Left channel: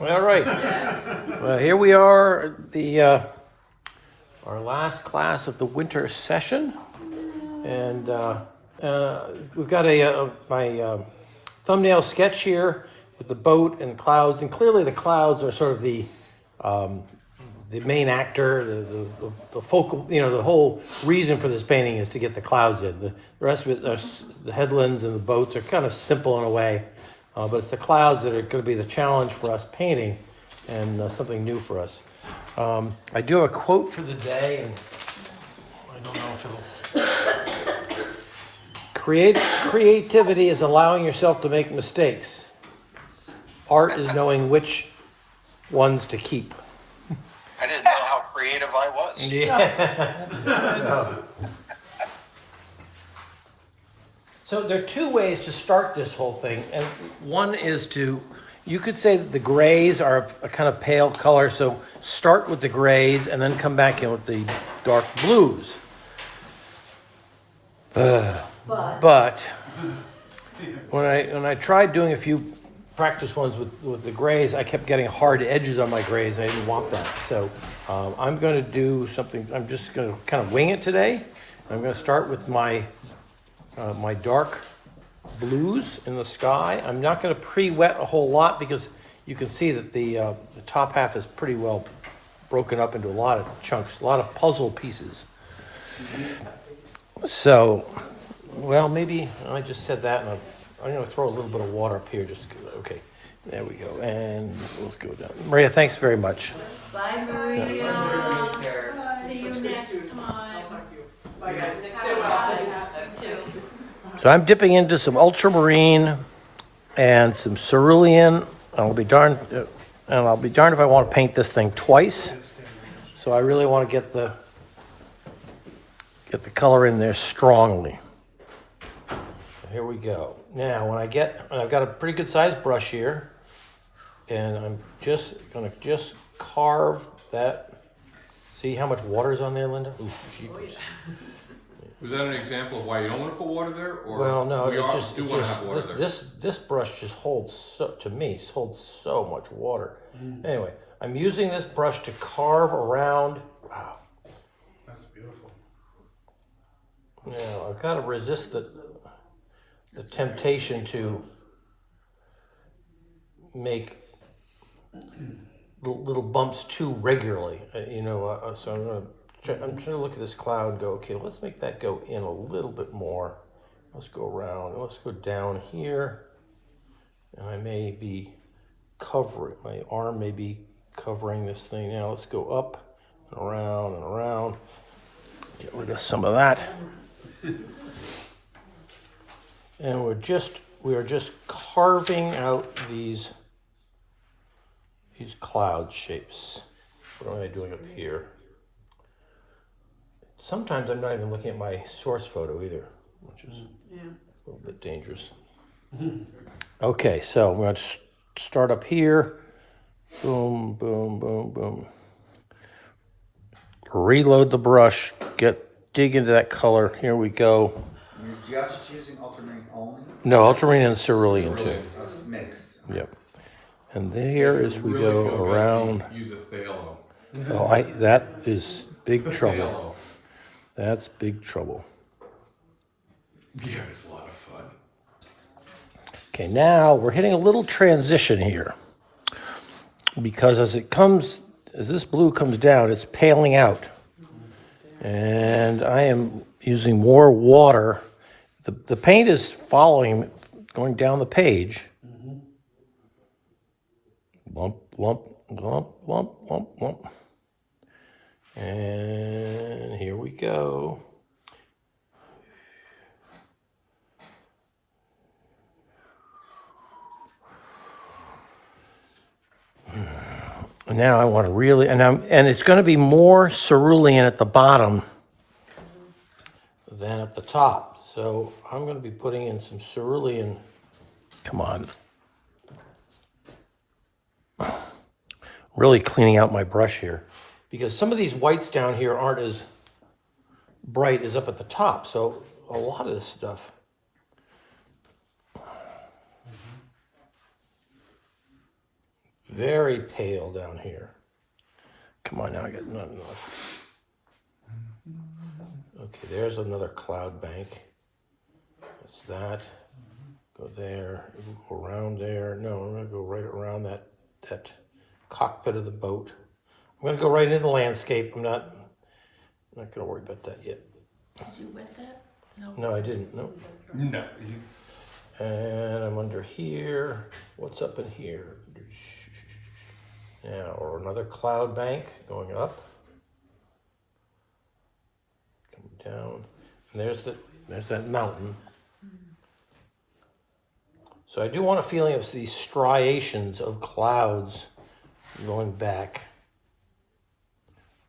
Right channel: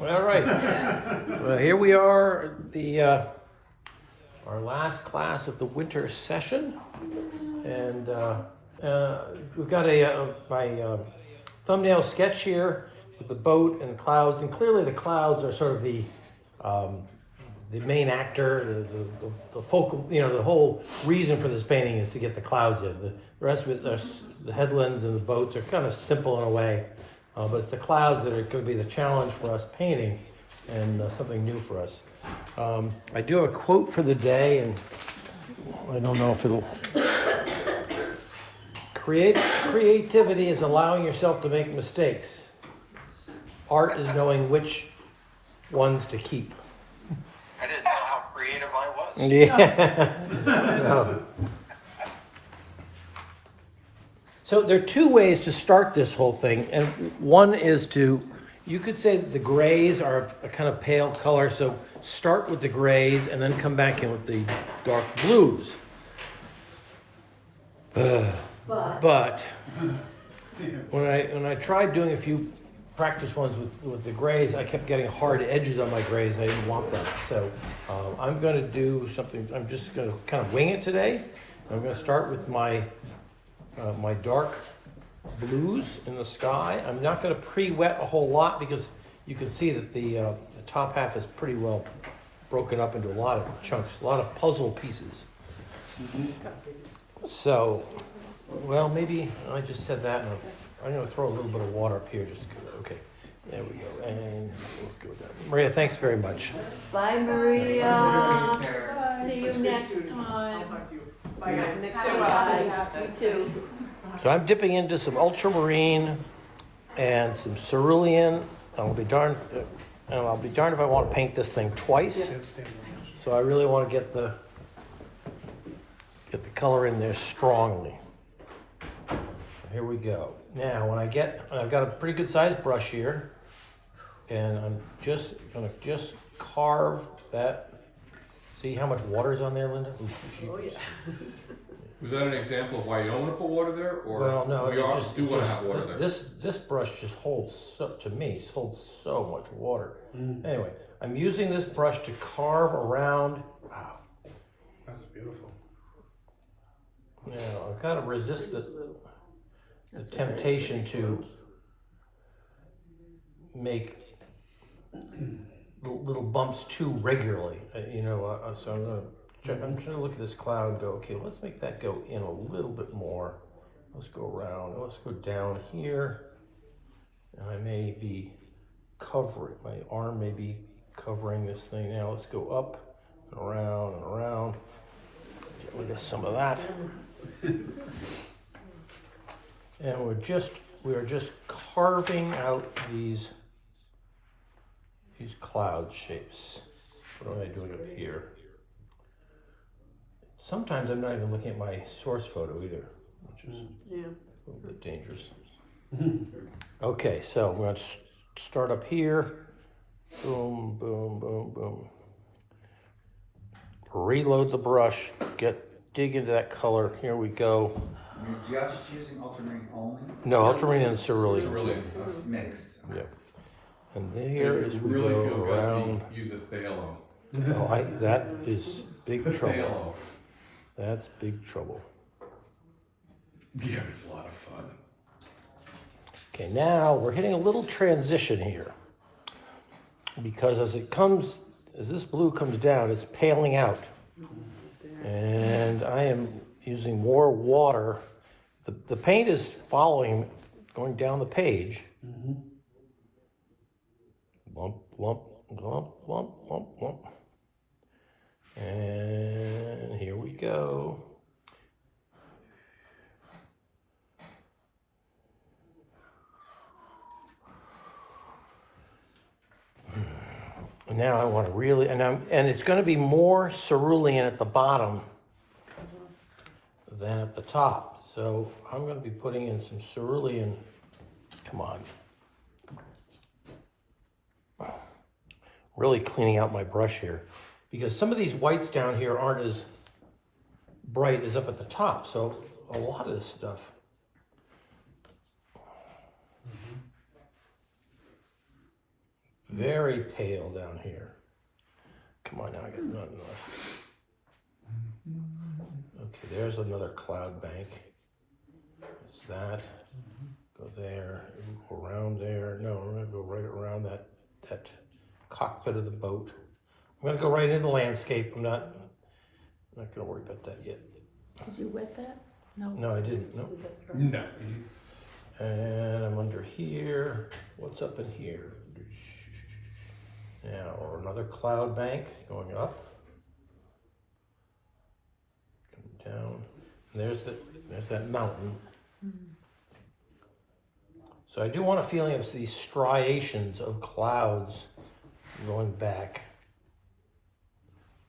All right. Well, here we are, our last class of the winter session, and we've got my thumbnail sketch here with the boat and clouds, and clearly the clouds are sort of the main actor, the focal, the whole reason for this painting is to get the clouds in. The rest of it, the headlands and the boats are kind of simple in a way, but it's the clouds that are going to be the challenge for us painting, and something new for us. I do have a quote for the day, and I don't know if it'll... Creativity is allowing yourself to make mistakes. Art is knowing which ones to keep. I didn't know how creative I was. Yeah. So there are two ways to start this whole thing, and one is you could say that the grays are a kind of pale color, so start with the grays and then come back in with the dark blues. But when I tried doing a few practice ones with the grays, I kept getting hard edges on my grays. I didn't want that. So I'm going to do something. I'm just going to kind of wing it today. I'm going to start with my my dark blues in the sky. I'm not going to pre-wet a whole lot because you can see that the top half is pretty well broken up into a lot of chunks, a lot of puzzle pieces. So, well, maybe I just said that, and I'm going to throw a little bit of water up here. Okay, there we go, and let's go down. Maria, thanks very much. Bye, Maria. See you next time. Next time. You too. So I'm dipping into some ultramarine and some cerulean. And I'll be darned if I want to paint this thing twice. So I really want to get the color in there strongly. So here we go. Now I've got a pretty good sized brush here, and I'm just gonna carve that. See how much water is on there, Linda? Ooh, yeah. Was that an example of why you don't want to put water there, or well, no, we want to have water there? This brush just holds so much water. Anyway, I'm using this brush to carve around. Wow, That's beautiful. now I've got to resist the temptation to make little bumps too regularly, so I'm trying to look at this cloud and go, okay, let's make that go in a little bit more. Let's go around, let's go down here, and I may be covering, my arm may be covering this thing. Now let's go up and around, get rid of some of that. And we are just carving out these cloud shapes. What am I doing up here? Sometimes I'm not even looking at my source photo either, which is a little bit dangerous. Okay, so we're going to start up here. Boom, boom, boom, boom. Reload the brush, dig into that color. Here we go. You're just using ultramarine only? No, ultramarine and cerulean. It's mixed. Yep. And there as we really go feel around. gutsy, use a phthalo. Oh, that is big trouble. Phthalo. That's big trouble. Yeah, it's a lot of fun. Okay, now we're hitting a little transition here, because as this blue comes down, it's paling out, and I am using more water. The paint is going down the page. Lump, lump, lump, lump, lump, lump. And here we go. Now I want to really, and it's going to be more cerulean at the bottom than at the top. So I'm going to be putting in some cerulean. Come on. Really cleaning out my brush here, because some of these whites down here aren't as bright as up at the top. So a lot of this stuff. very pale down here. Come on now, I got not enough. Okay, there's another cloud bank. That's that. Go there, go around there. No, I'm gonna go right around that cockpit of the boat. I'm gonna go right into the landscape. I'm not gonna worry about that yet. Did you wet that? No. No, I didn't, no. No. And I'm under here. What's up in here? Now, or another cloud bank going up. Coming down. And there's that mountain. So I do want a feeling of these striations of clouds going back.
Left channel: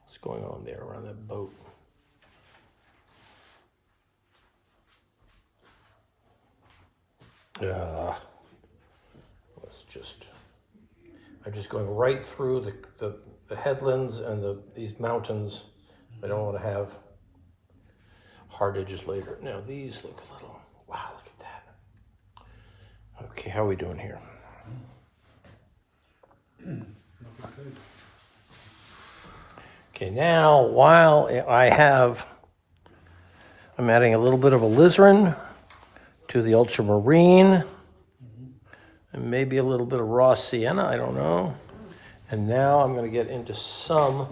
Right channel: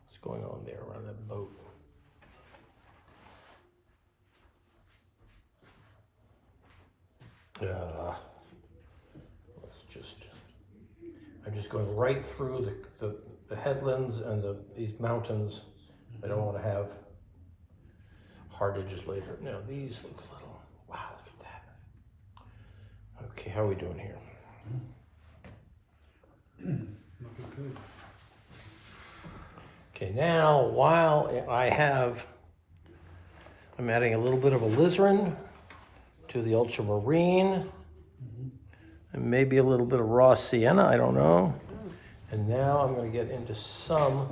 What's going on there around that boat? I'm just going right through the headlands and these mountains. I don't want to have hard edges later. Now these look a little, wow, look at that. Okay, how are we doing here? Okay, now while I'm adding a little bit of alizarin to the ultramarine, and maybe a little bit of raw sienna, I don't know. And now I'm gonna get into some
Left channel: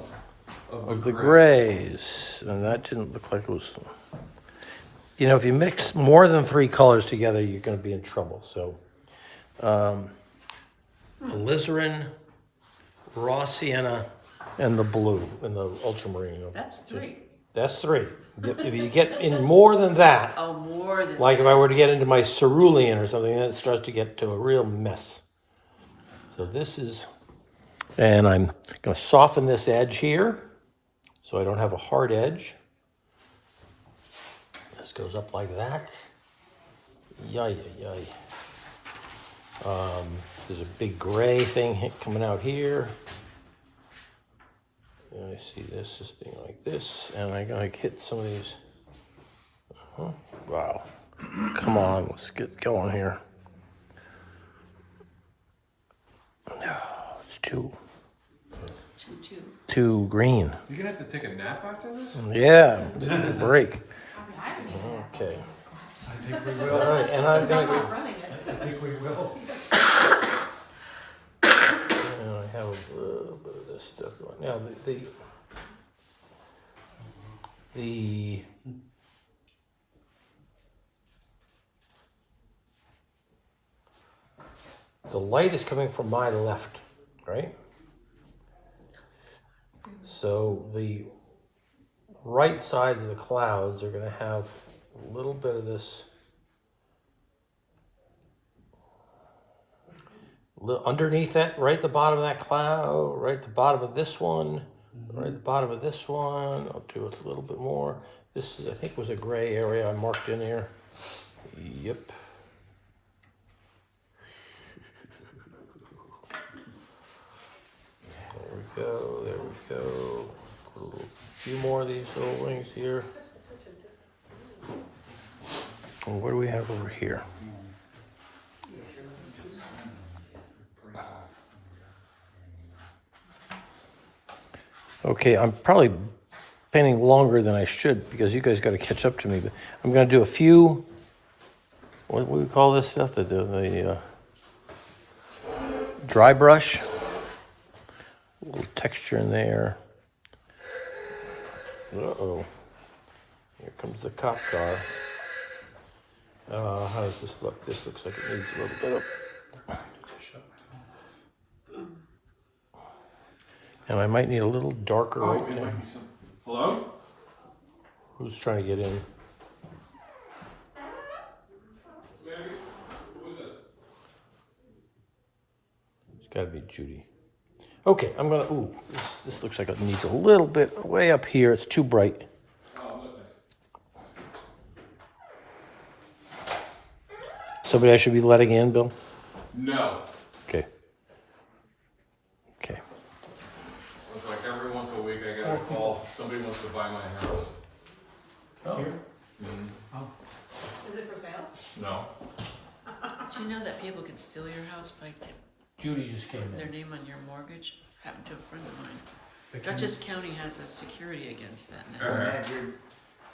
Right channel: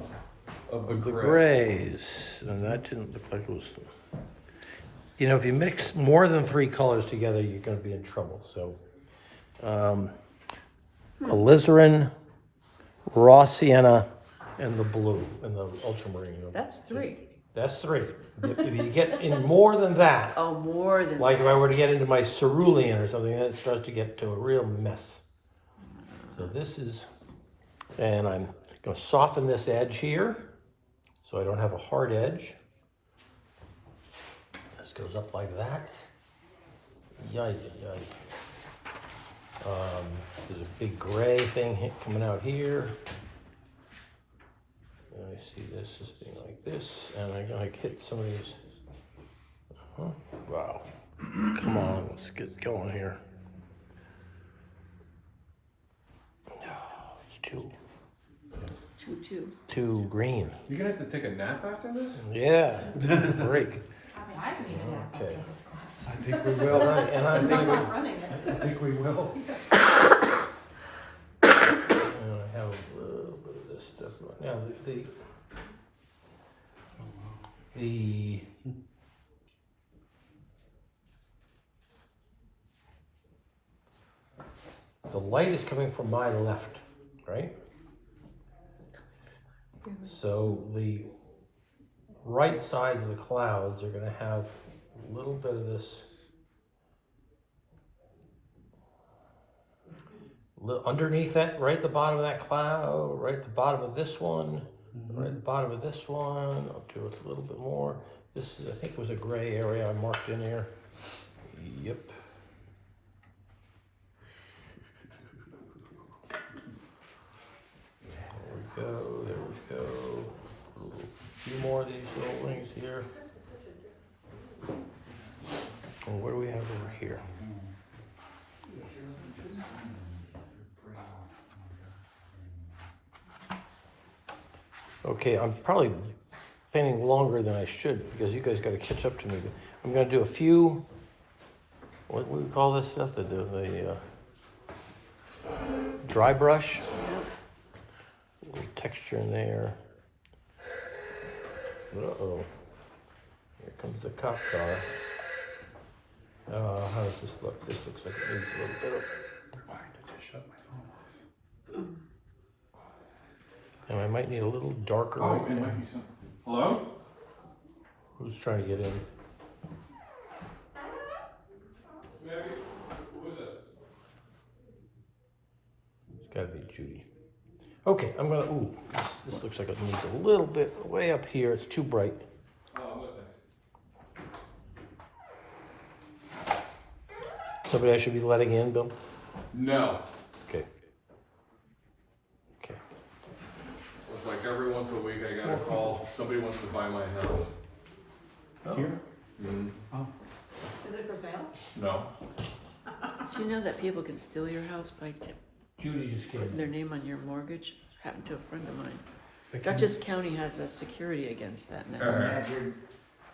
of the grays. And that didn't look like it was, you know, if you mix more than 3 colors together, you're gonna be in trouble. So, alizarin, raw sienna, and the blue, and the ultramarine. That's 3. That's 3. If you get in more than that, Oh, more than like if I were to get into my cerulean or something, then it starts to get to a real mess. So this is, and I'm going to soften this edge here so I don't have a hard edge. This goes up like that. Yay, yay. There's a big gray thing coming out here. And I see this as being like this, and I'm going to hit some of these. Wow. Come on, let's get going here. It's too green. You're gonna have to take a nap after this? Yeah, break. Okay. I think we will. All right, and I think I think we will. and I have a little bit of this stuff right now. The light is coming from my left, right? So the right sides of the clouds are going to have a little bit of this underneath that, right at the bottom of that cloud, right at the bottom of this one, right at the bottom of this one. I'll do it a little bit more. This is, I think, was a gray area I marked in here. Yep. There we go. A few more of these little wings here. And what do we have over here? Okay, I'm probably painting longer than I should because you guys got to catch up to me. But I'm going to do a few. What do we call this stuff? The dry brush. A little texture in there. Uh-oh. Here comes the cop car. How does this look? This looks like it needs a little bit of... And I might need a little darker right it now. might be some. Hello? Who's trying to get in? Who is this? It's got to be Judy. Okay, I'm gonna, ooh, this looks like it needs a little bit way up here. It's too bright. Oh, look. Somebody I should be letting in, Bill? No. Okay. Okay. It's like every once a week I get a call, somebody wants to buy my house. Here? Is it for sale? No. Do you know that people can steal your house by Judy just came Their in. name on your mortgage happened to a friend of mine. Dutchess County has a security against that now.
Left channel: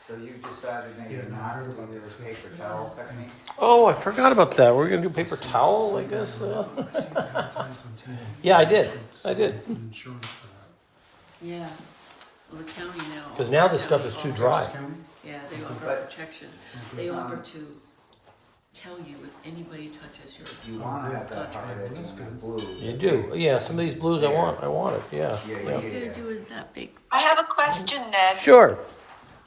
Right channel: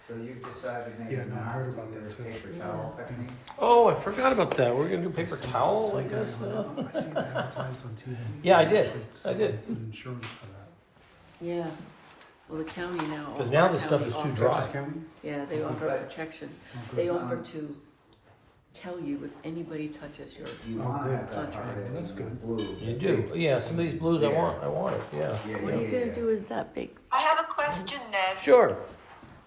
So you've decided maybe Yeah, no, I not heard to about do that the too. paper towel technique? Oh, I forgot about that. We're gonna do paper towel, I guess. Yeah, I did. Insurance for Yeah, well, the county now. Because now this stuff is too that. dry. Dutchess County? Yeah, they offer But- protection. They offer to tell you if anybody touches your, You wanna have that That's hard edge That's in good. blue. You do. Yeah, some of these blues I want it, yeah. Yeah, what yeah, are you gonna yeah. do with that big? I have a question, Ned. Sure,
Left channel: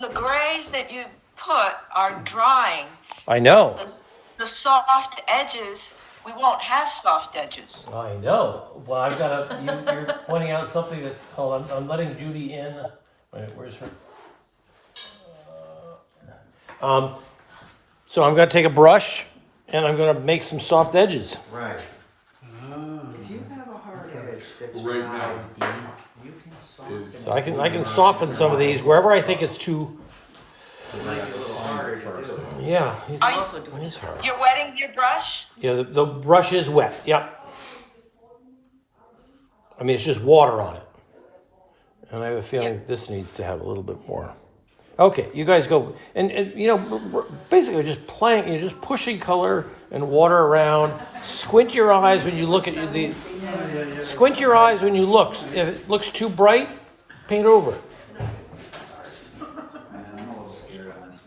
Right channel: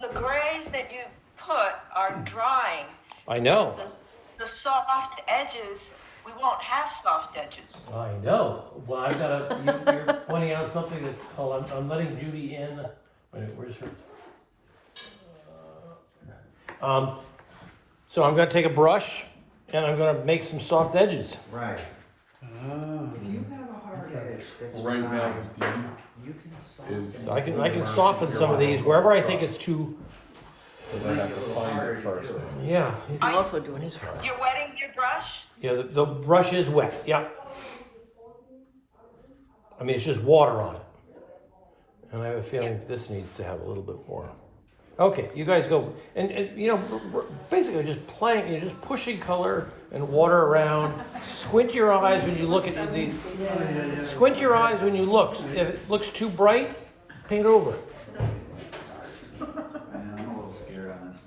The grays that you put are drying. I know. The soft edges, we won't have soft edges. I know. Well, I've got you're pointing out something that's, I'm letting Judy in. Wait, where's her? So I'm gonna take a brush and I'm gonna make some soft edges. Right. Ah. If you have a hard edge that's Right now, dry, do you can Is- soften So it. I can soften some of these wherever I think it's too, I have to find it first. yeah. I'm also doing It's it. hard. You're wetting your brush? Yeah, the brush is wet, yep. I mean, it's just water on it. And I have a feeling this needs to have a little bit more. Okay, you guys go, and you know, basically just playing, you're just pushing color and water around. Squint your eyes when you look at these. Squint your eyes when you look. If it looks too bright, paint over it. And I'm a little scared on this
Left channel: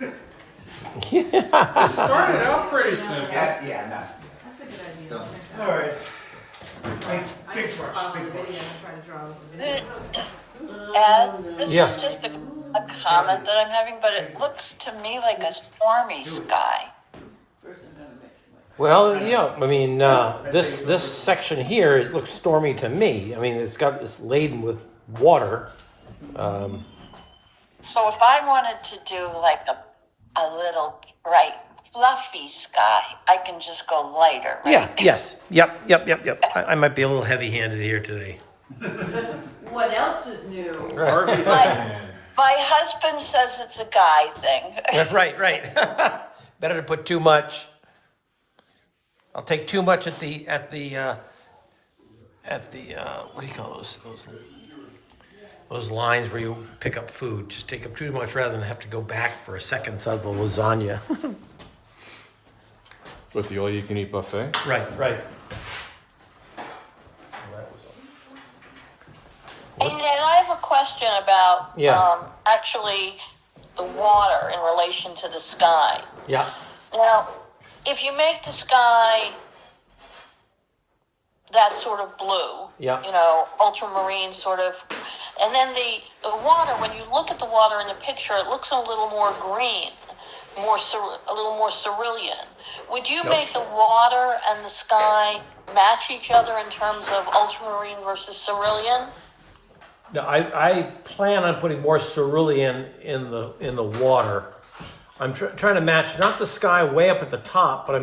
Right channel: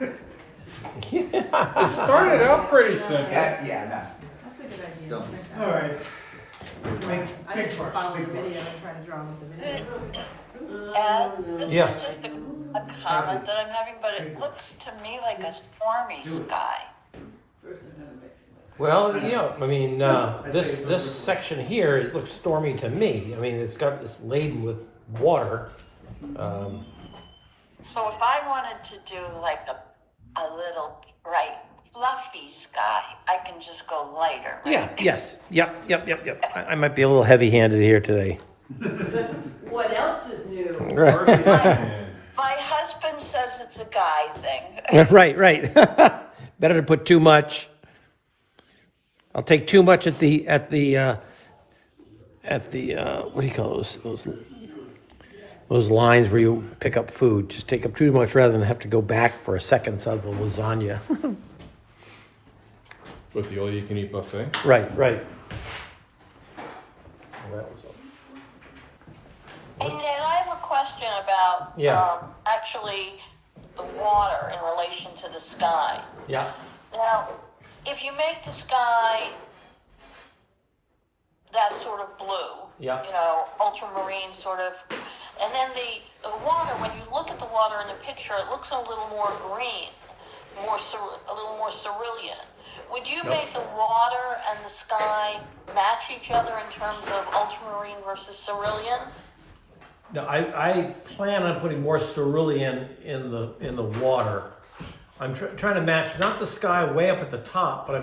one. Yeah. It started out pretty simple. Yeah, no. That's a good idea. Don't. All right. Big brush, big brush. And this Yeah. is just a comment that I'm having, but it looks to me like a stormy sky. First I gotta mix it. Well, yeah, I mean, this section here, it looks stormy to me. I mean, it's laden with water. So if I wanted to do like a little bright, fluffy sky, I can just go lighter, right? Yeah, yes, yep. I might be a little heavy-handed here today. What else is new? Perfect. My husband says it's a guy thing. Right. Better to put too much. I'll take too much at the what do you call those lines where you pick up food. Just take up too much rather than have to go back for a second side of the lasagna. With the all-you-can-eat buffet? Right. Hey, Ned, I have a question about Yeah. actually the water in relation to the sky. Yeah. Now, if you make the sky that sort of blue, Yeah. you know, ultramarine sort of, and then the water, when you look at the water in the picture, it looks a little more green, a little more cerulean. Would you make the water and the sky match each other in terms of ultramarine versus cerulean? Now, I plan on putting more cerulean in the water. I'm trying to match not the sky way up at the top, but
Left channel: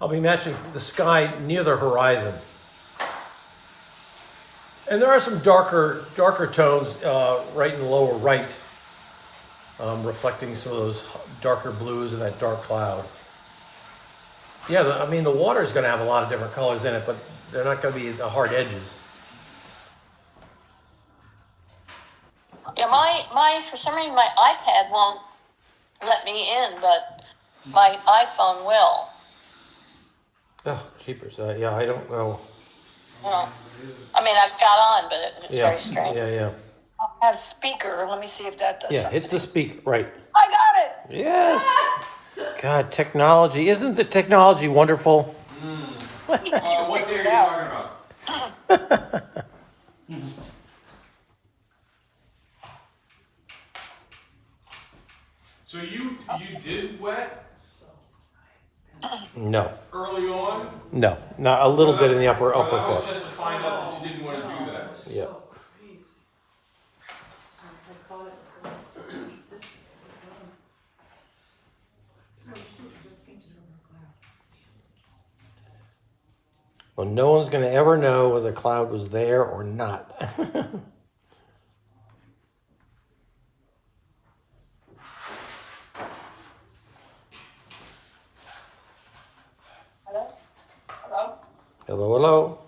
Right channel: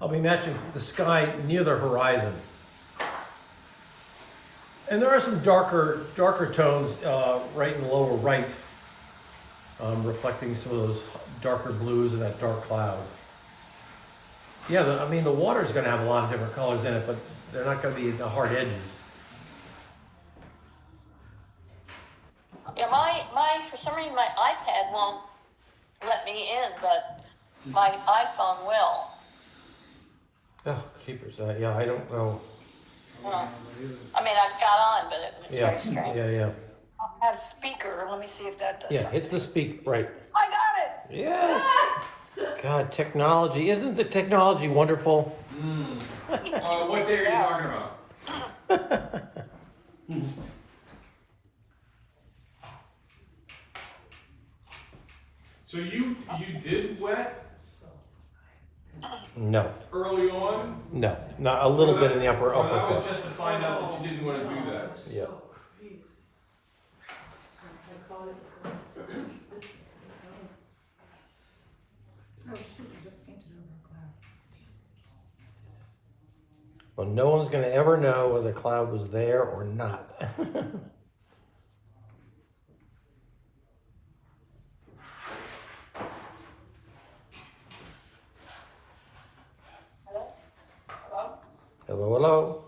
I'll be matching the sky near the horizon. And there are some darker tones right in the lower right, reflecting some of those darker blues and that dark cloud. Yeah, I mean the water is going to have a lot of different colors in it, but they're not going to be the hard edges. Yeah, my for some reason my iPad won't let me in, but my iPhone will. Oh, jeepers! Yeah, I don't know. I mean, I've got on, but it's Yeah, very strange. yeah. Has speaker. Let me see if that does Yeah, something. hit the speak right. I got it. Yes. God, technology. Isn't the technology wonderful? What day are you talking about? So you did wet No. early on? No. Not a little bit in the upper Well, that was part. just to find out that you didn't want to do that. Yeah. Well, no one's gonna ever know whether the cloud was there or not. Hello? Hello, hello.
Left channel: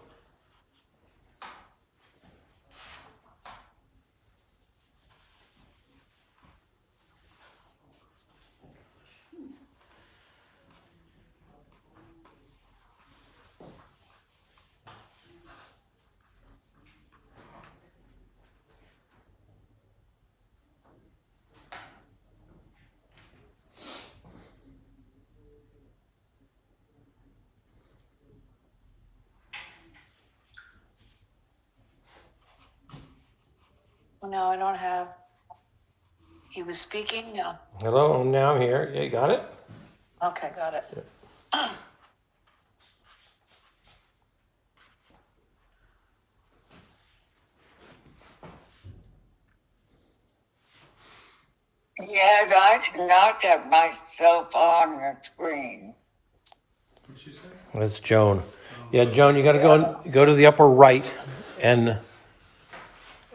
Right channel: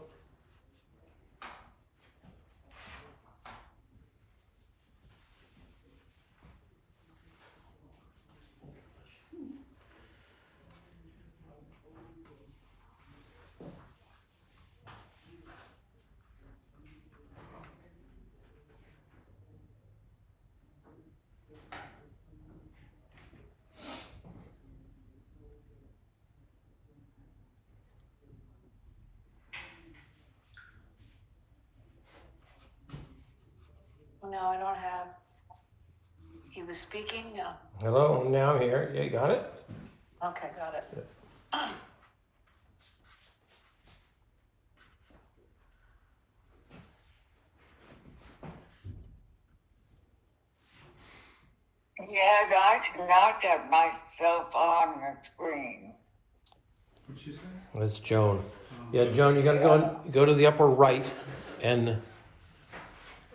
No, I don't have. He was speaking? No. Hello, now I'm here. Yeah, you got it? Okay, got it. Yes, I cannot get myself on the screen. What'd she say? That's Joan. Yeah, Joan, you gotta go to the upper right and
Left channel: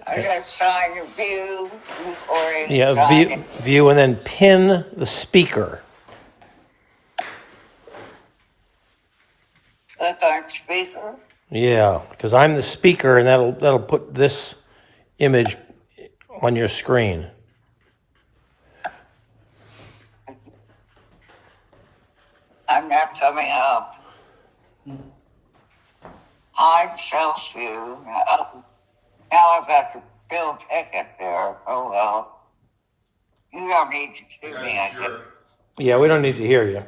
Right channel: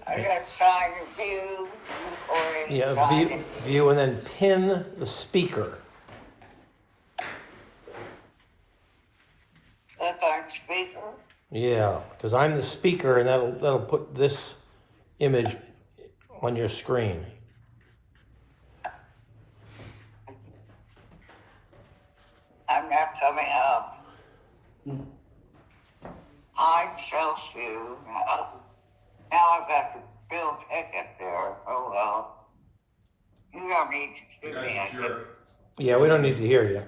I just signed a view before I yeah, signed view and then pin the speaker. Click on speaker. Yeah, because I'm the speaker and that'll put this image on your screen. I'm not coming up. Hide self view. Now I've got the Bill Pickett there. Oh well. You don't need to The do guy's me. I a jerk. Yeah, we don't need to hear you.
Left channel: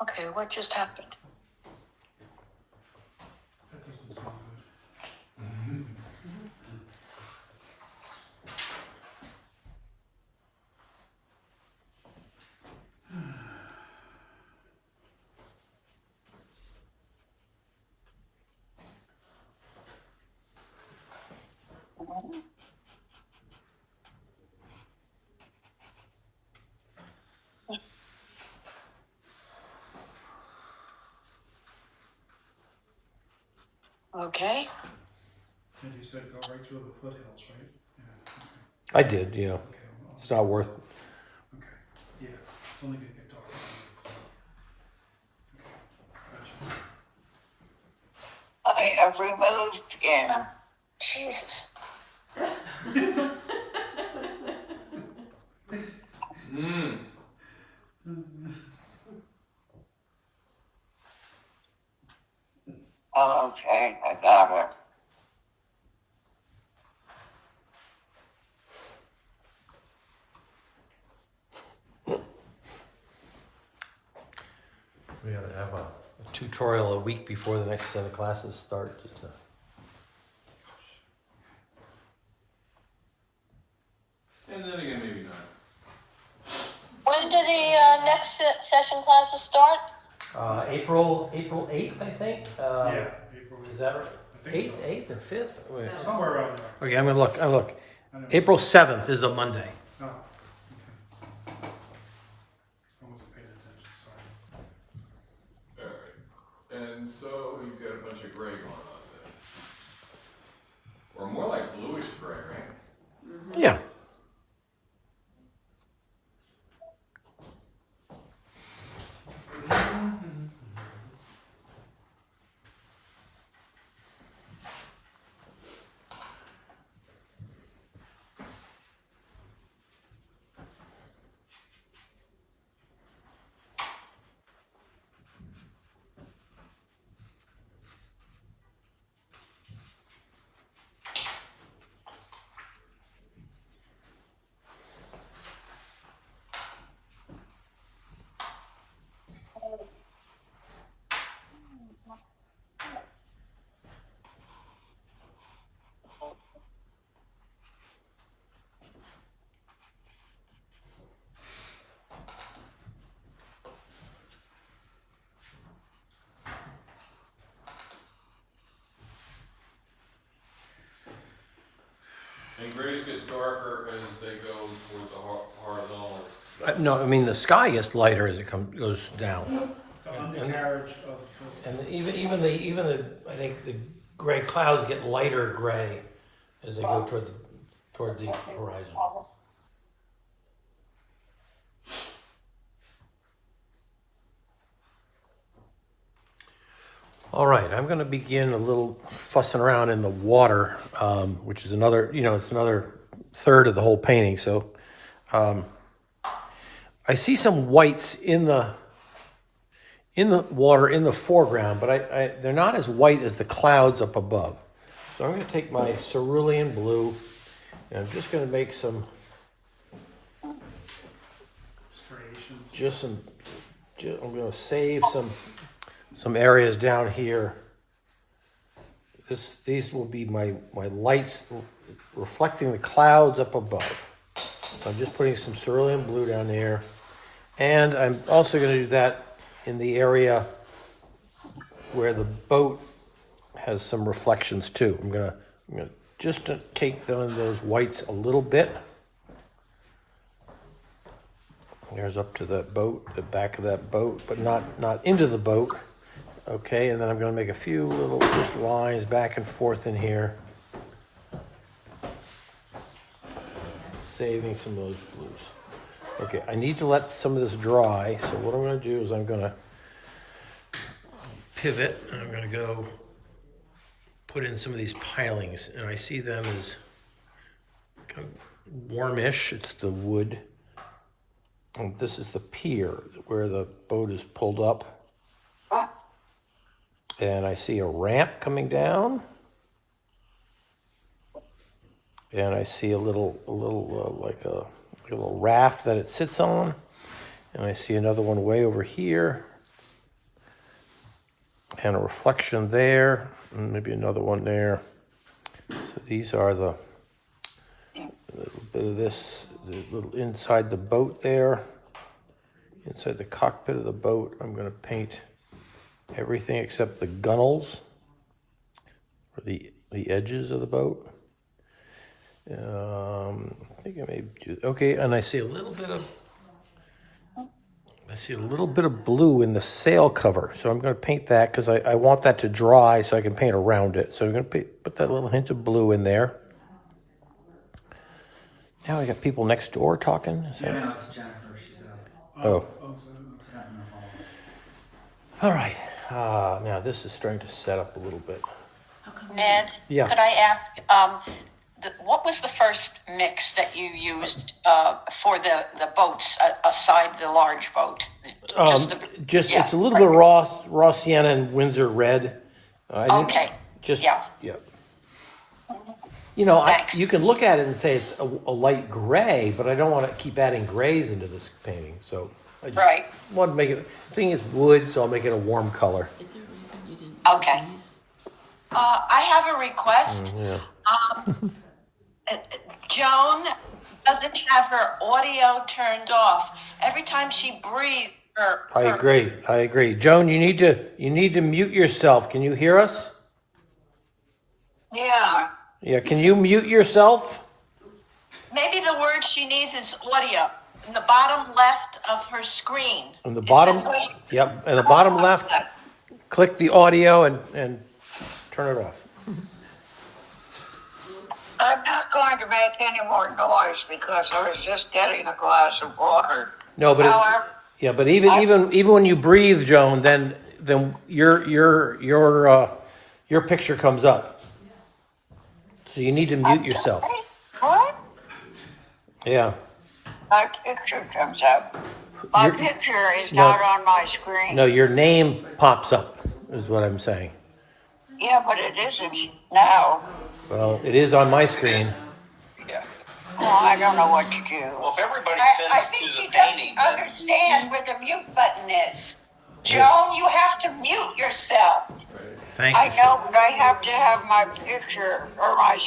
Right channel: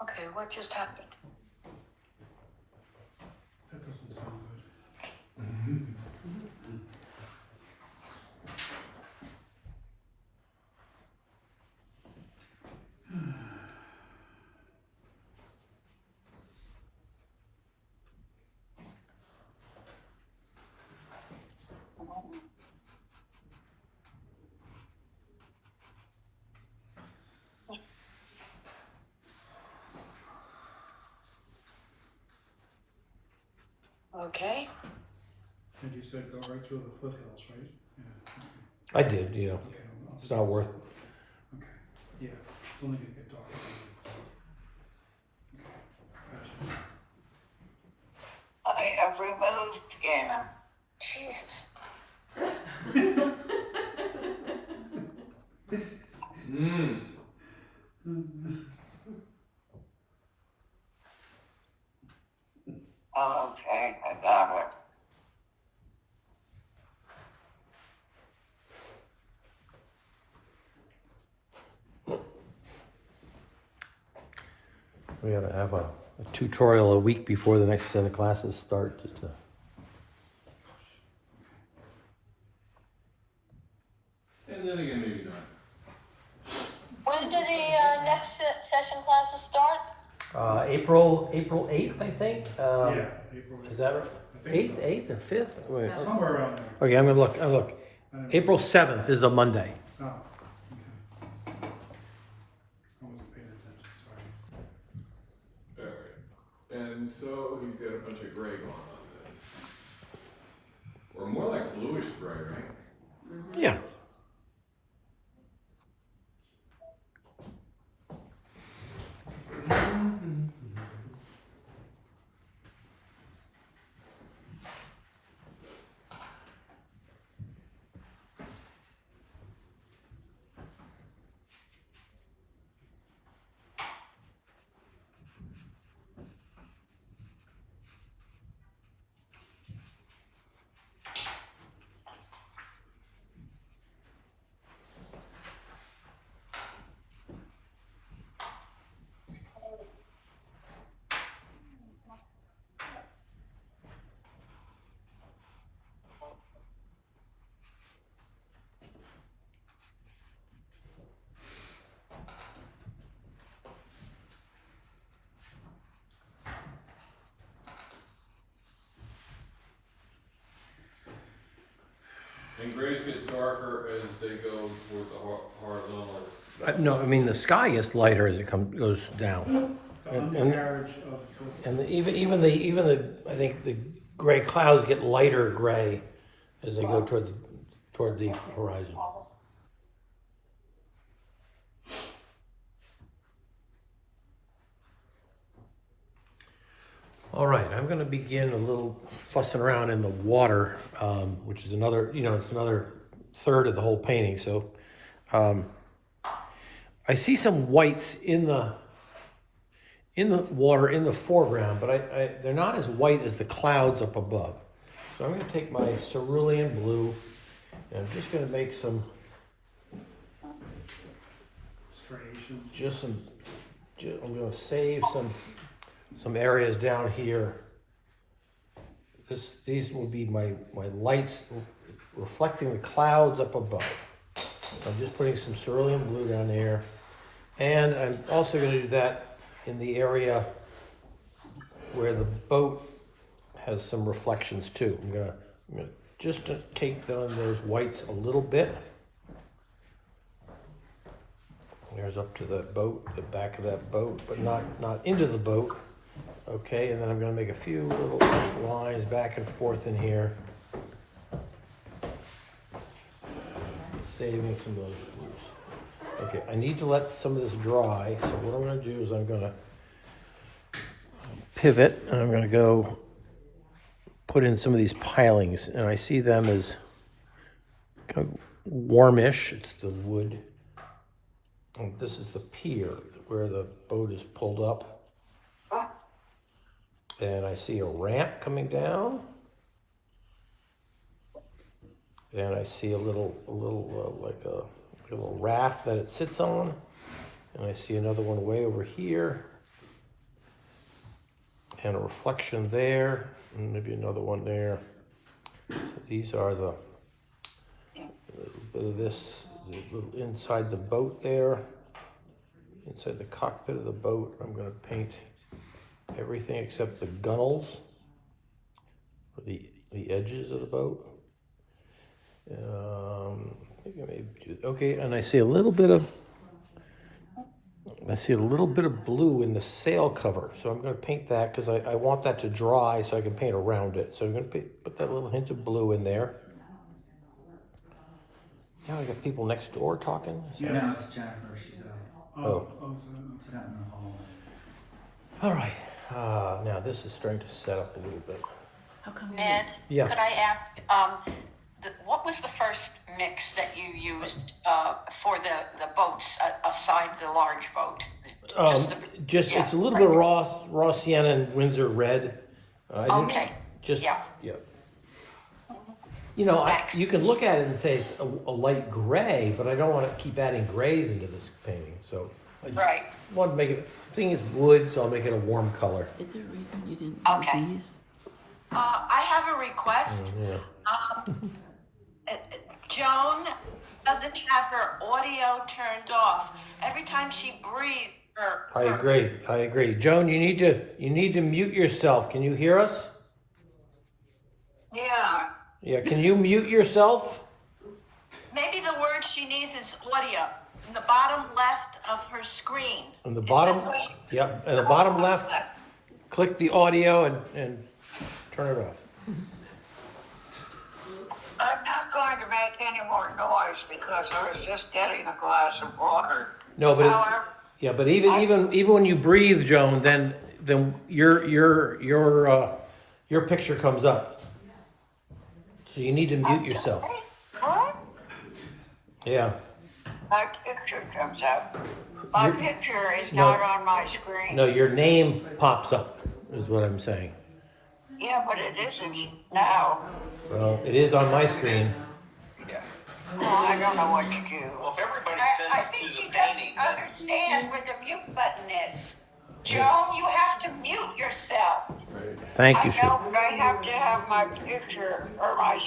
Okay, what just happened? That doesn't sound Okay. good. And you said go right through the foothills, right? Yeah. I did, yeah. Okay. It's not worth. Okay. Yeah. It's only gonna get dark. Okay. Gotcha. I have removed him. Jesus. Oh, okay, I got it. We gotta have a tutorial a week before the next set of classes start. Just to... And then again, maybe not. When do the next session classes start? April 8th, I think. Yeah. April. Is that right? I think 8th or 5th? Wait. Somewhere around there. Okay, I'm gonna look. I look. I don't know. April 7th is a Monday. Oh. Okay. I wasn't paying attention. Sorry. Alright. And so he's got a bunch of gray going on then. Or more like bluish gray, right? Yeah. And grays get darker as they go towards the horizontal No, I mean, the sky gets lighter as it goes down. The undercarriage of the. And even the I think the gray clouds get lighter gray as they go toward the horizon. All right, I'm going to begin a little fussing around in the water, which is another, it's another third of the whole painting. So I see some whites in the water in the foreground, but they're not as white as the clouds up above. So I'm going to take my cerulean blue, and I'm just going to make some, Striations. I'm going to save some areas down here. These will be my lights reflecting the clouds up above. I'm just putting some cerulean blue down there. And I'm also going to do that in the area where the boat has some reflections too. I'm gonna just to take those whites a little bit. There's up to that boat, the back of that boat, but not into the boat. Okay, and then I'm gonna make a few little just lines back and forth in here. Saving some of those blues. Okay, I need to let some of this dry, so what I'm going to do is I'm going to pivot, and I'm going to go put in some of these pilings, and I see them as kind of warmish. It's the wood, and this is the pier where the boat is pulled up, and I see a ramp coming down, and I see a little like a little raft that it sits on, and I see another one way over here, and a reflection there, and maybe another one there. So these are a little bit of this, the little inside the boat there, inside the cockpit of the boat. I'm going to paint everything except the gunnels, or the edges of the boat. I think I may do, okay, and I see a little bit of blue in the sail cover, so I'm going to paint that because I want that to dry so I can paint around it. So I'm going to put that little hint of blue in there. Now I got people next door talking. Is that- Yeah, it's Jennifer, she's got it. Oh. Not in the hall. All right, now this is starting to set up a little bit. Ed, Yeah. could I ask, what was the first mix that you used for the boats aside the large boat? It's a little bit of raw sienna and Windsor red. I didn't- Okay. Yeah. Thanks. You can look at it and say it's a light gray, but I don't want to keep adding grays into this painting. So I just Right. want to make it. The thing is wood, so I'll make it a warm color. Is there a reason you didn't Okay. do these? I have a request. Yeah. Joan doesn't have her audio turned off. Every time she breathes, I agree. Joan, you need to mute yourself. Can you hear us? Yeah. Yeah. Can you mute yourself? maybe the word she needs is audio. In the bottom left of her screen. On the bottom. It says- Yep. In the bottom left, click the audio and turn it off. I'm not going to make any more noise because I was just getting a glass of water. No, but However, but even when you breathe, Joan, then your picture comes up. So you need to mute yourself. what? Yeah. My picture comes up. My Your- picture is No. not on my screen. No, your name pops up, is what I'm saying. Yeah, but it isn't now. Well, it is on my screen. Yeah. Well, I don't know what to do. Well, if everybody I bends think to she the painting, doesn't then understand where the mute button is. Joan, you have to mute yourself. Thank I you. know, but I have to have my picture or my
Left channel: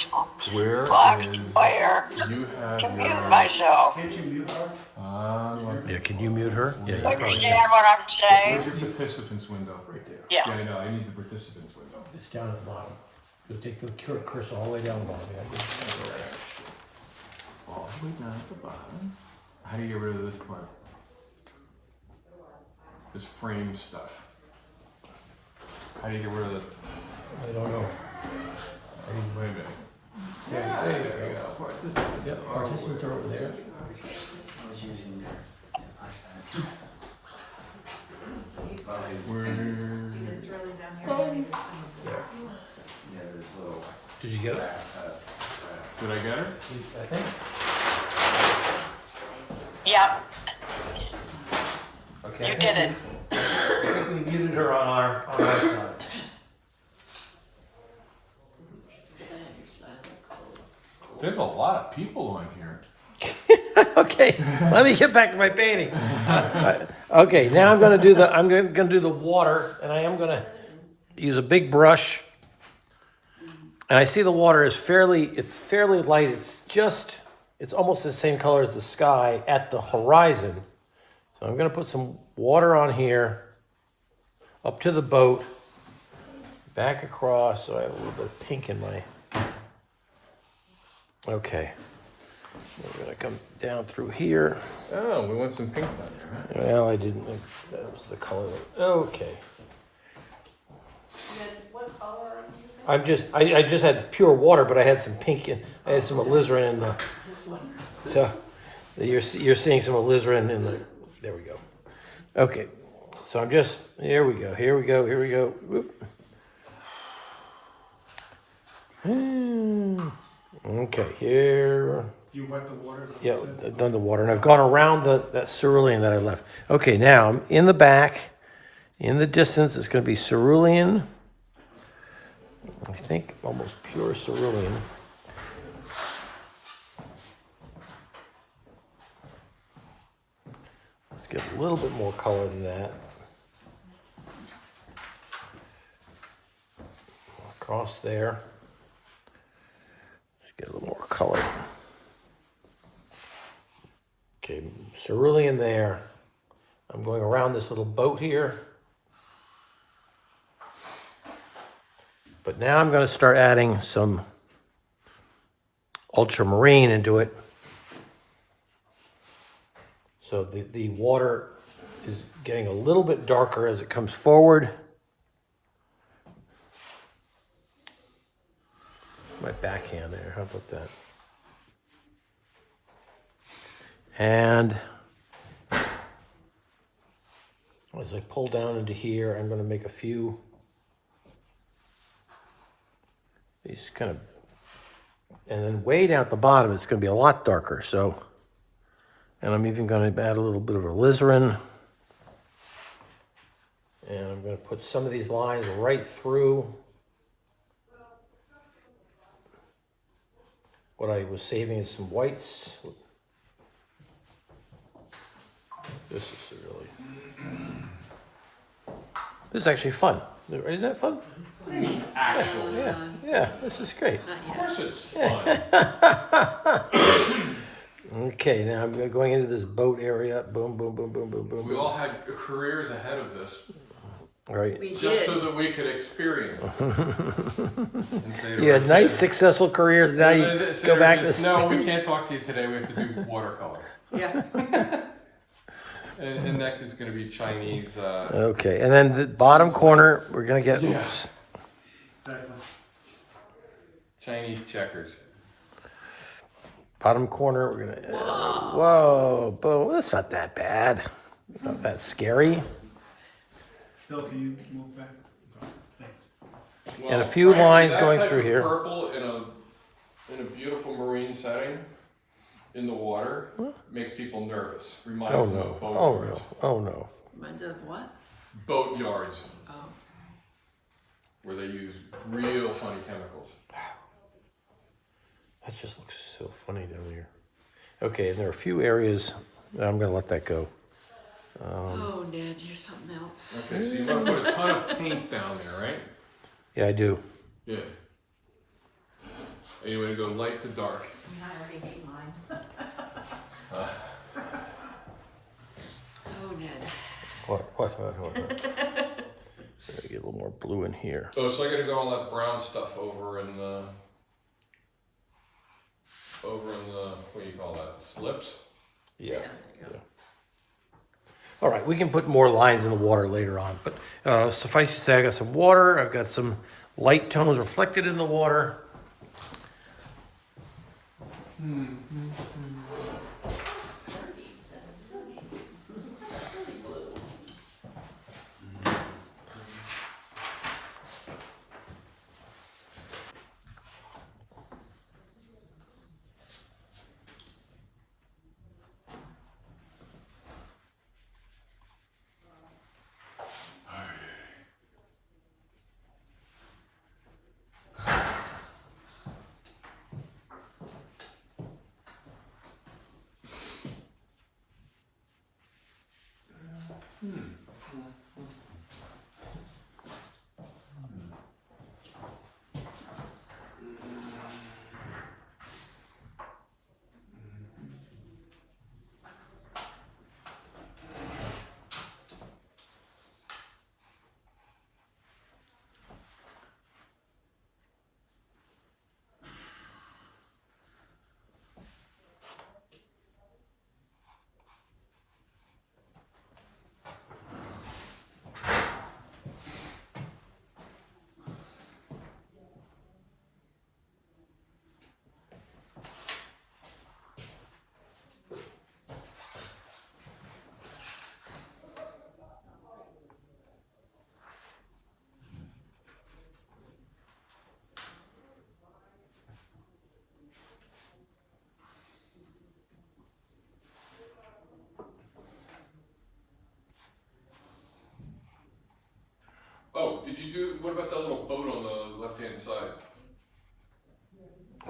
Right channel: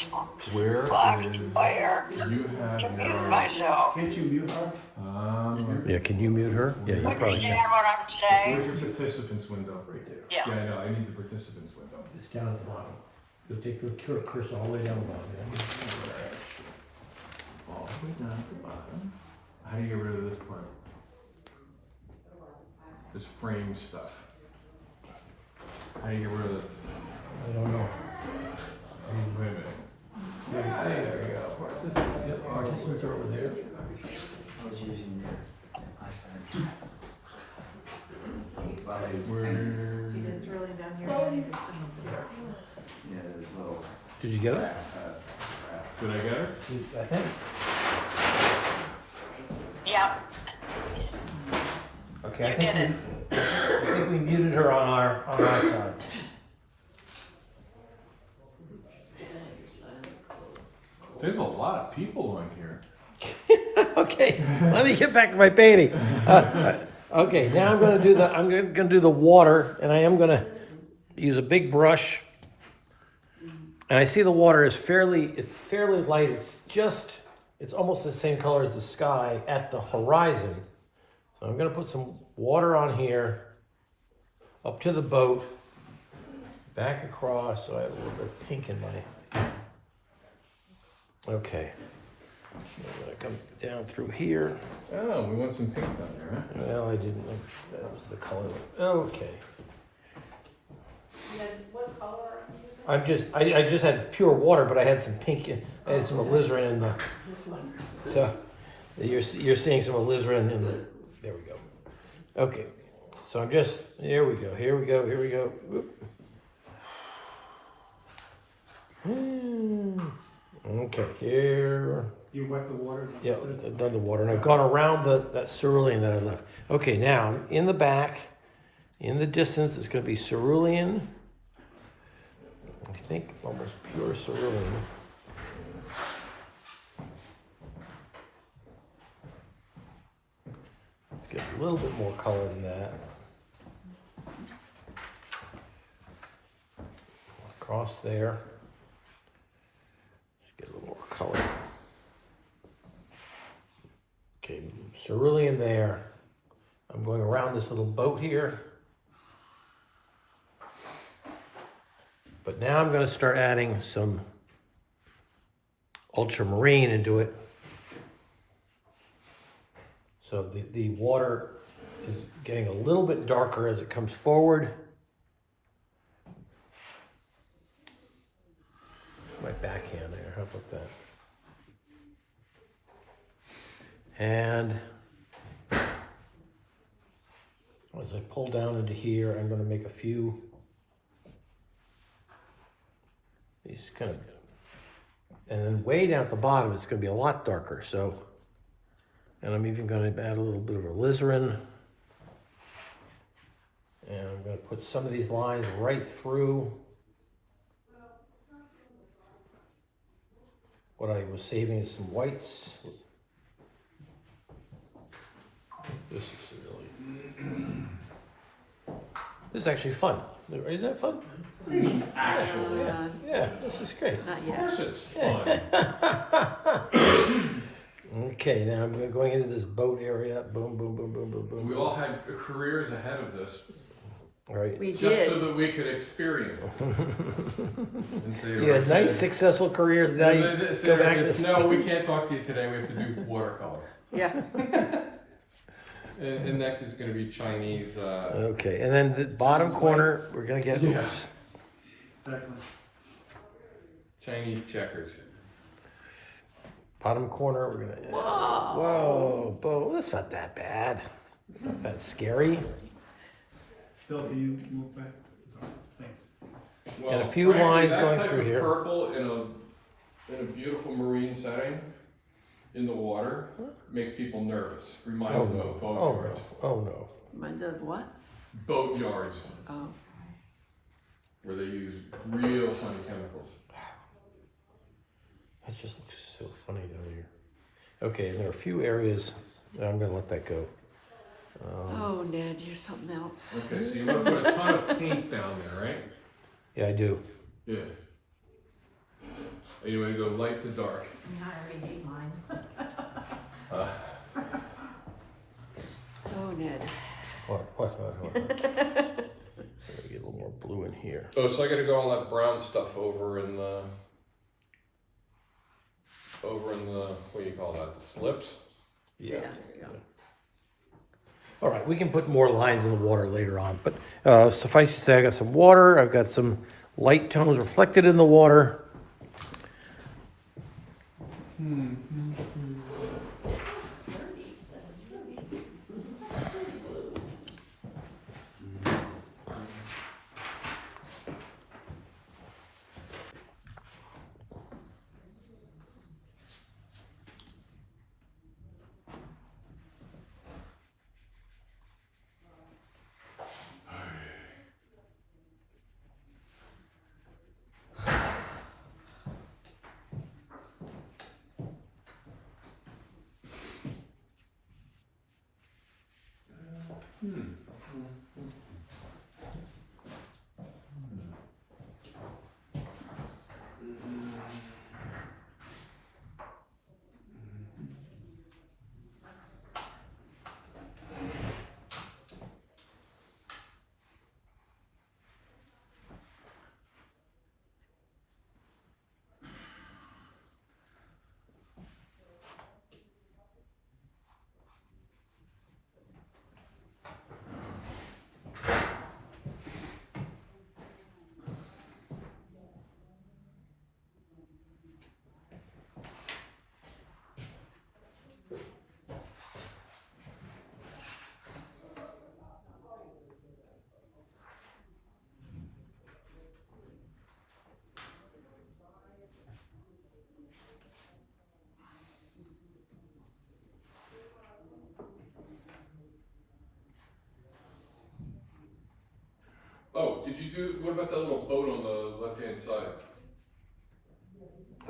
Where box is, player you have to mute your, myself. Can't you mute her? Yeah, can you mute her? Yeah, you probably Understand can. what I'm saying? where's your participants window? Right there. Yeah. Yeah, I know, I need the participants window. It's down at the bottom. You'll take the cursor all the way down the bottom. All the way down at the bottom. How do you get rid of this part? This frame stuff. How do you get rid of it? I don't know. Wait a minute. There you go. Participants are over there. I was using their iPad. It's really down here. I needed some. Yeah, there's a little. Did you get it? Did I get her? I think. Yep, Okay. you did it. I think we muted her on our side. There's a lot of people on here. Okay, let me get back to my painting. Okay, now I'm gonna do the water, and I am gonna use a big brush. And I see the water is fairly light. It's almost the same color as the sky at the horizon. So I'm gonna put some water on here, up to the boat, back across, so I have a little bit of pink in my. Okay. We're gonna come down through here. Oh, we want some pink down there, huh? Well, I didn't, that was the color. Okay. I just had pure water, but I had some pink and I had some alizarin in the. So you're seeing some alizarin in the. There we go. Okay, so I'm just. Here we go. Whoop. Okay, here. You wet the water? Yeah, I've done the water, and I've gone around that cerulean that I left. Okay, now I'm in the back, in the distance, it's going to be cerulean. I think almost pure cerulean. Let's get a little bit more color than that. Across there. Let's get a little more color. Okay, cerulean there. I'm going around this little boat here. But now I'm going to start adding some ultramarine into it. So the water is getting a little bit darker as it comes forward. My backhand there, how about that? And as I pull down into here, I'm going to make a few these kind of, and then way down at the bottom, it's going to be a lot darker. So, and I'm even going to add a little bit of alizarin. And I'm going to put some of these lines right through what I was saving is some whites. This is this is actually fun. Isn't that fun? Actually. Yeah, this is great. Of course it's fun. Okay, now I'm going into this boat area. Boom, boom, boom, boom, boom, boom. We all had careers ahead of this, Right. We just so did. that we could experience it. And say, You had "Okay, nice, successful careers. Now you go back to No, we can't talk to you today. We have to do watercolor. Yeah. And next is going to be Chinese. Okay, and then the bottom corner, we're gonna get Yeah. Exactly. Chinese checkers. bottom corner. We're gonna. Whoa, boom. That's not that bad. Not that scary. Bill, can you move back? Sorry, thanks. And a few lines that going type through of here. Purple in a beautiful marine setting, in the water, makes people nervous. Reminds Oh them no. of boat Oh yards. no. Oh no. Reminds you of what? Boat yards, Oh. where they use real funny chemicals. That just looks so funny down here. Okay, and there are a few areas. I'm gonna let that go. Oh, Ned, you're something else. Okay, so you want to put a ton of paint down there, right? Yeah, I do. Yeah. And you want to go light to dark. I already made mine. Oh, Ned. What? Let me get a little more blue in here. Oh, so I got to go all that brown stuff over in the, what do you call that? The slips? Yeah. there you go. All right, we can put more lines in the water later on, but suffice to say, I got some water, I've got some light tones reflected in the water. Oh, did you do, what about the little boat on the left-hand side?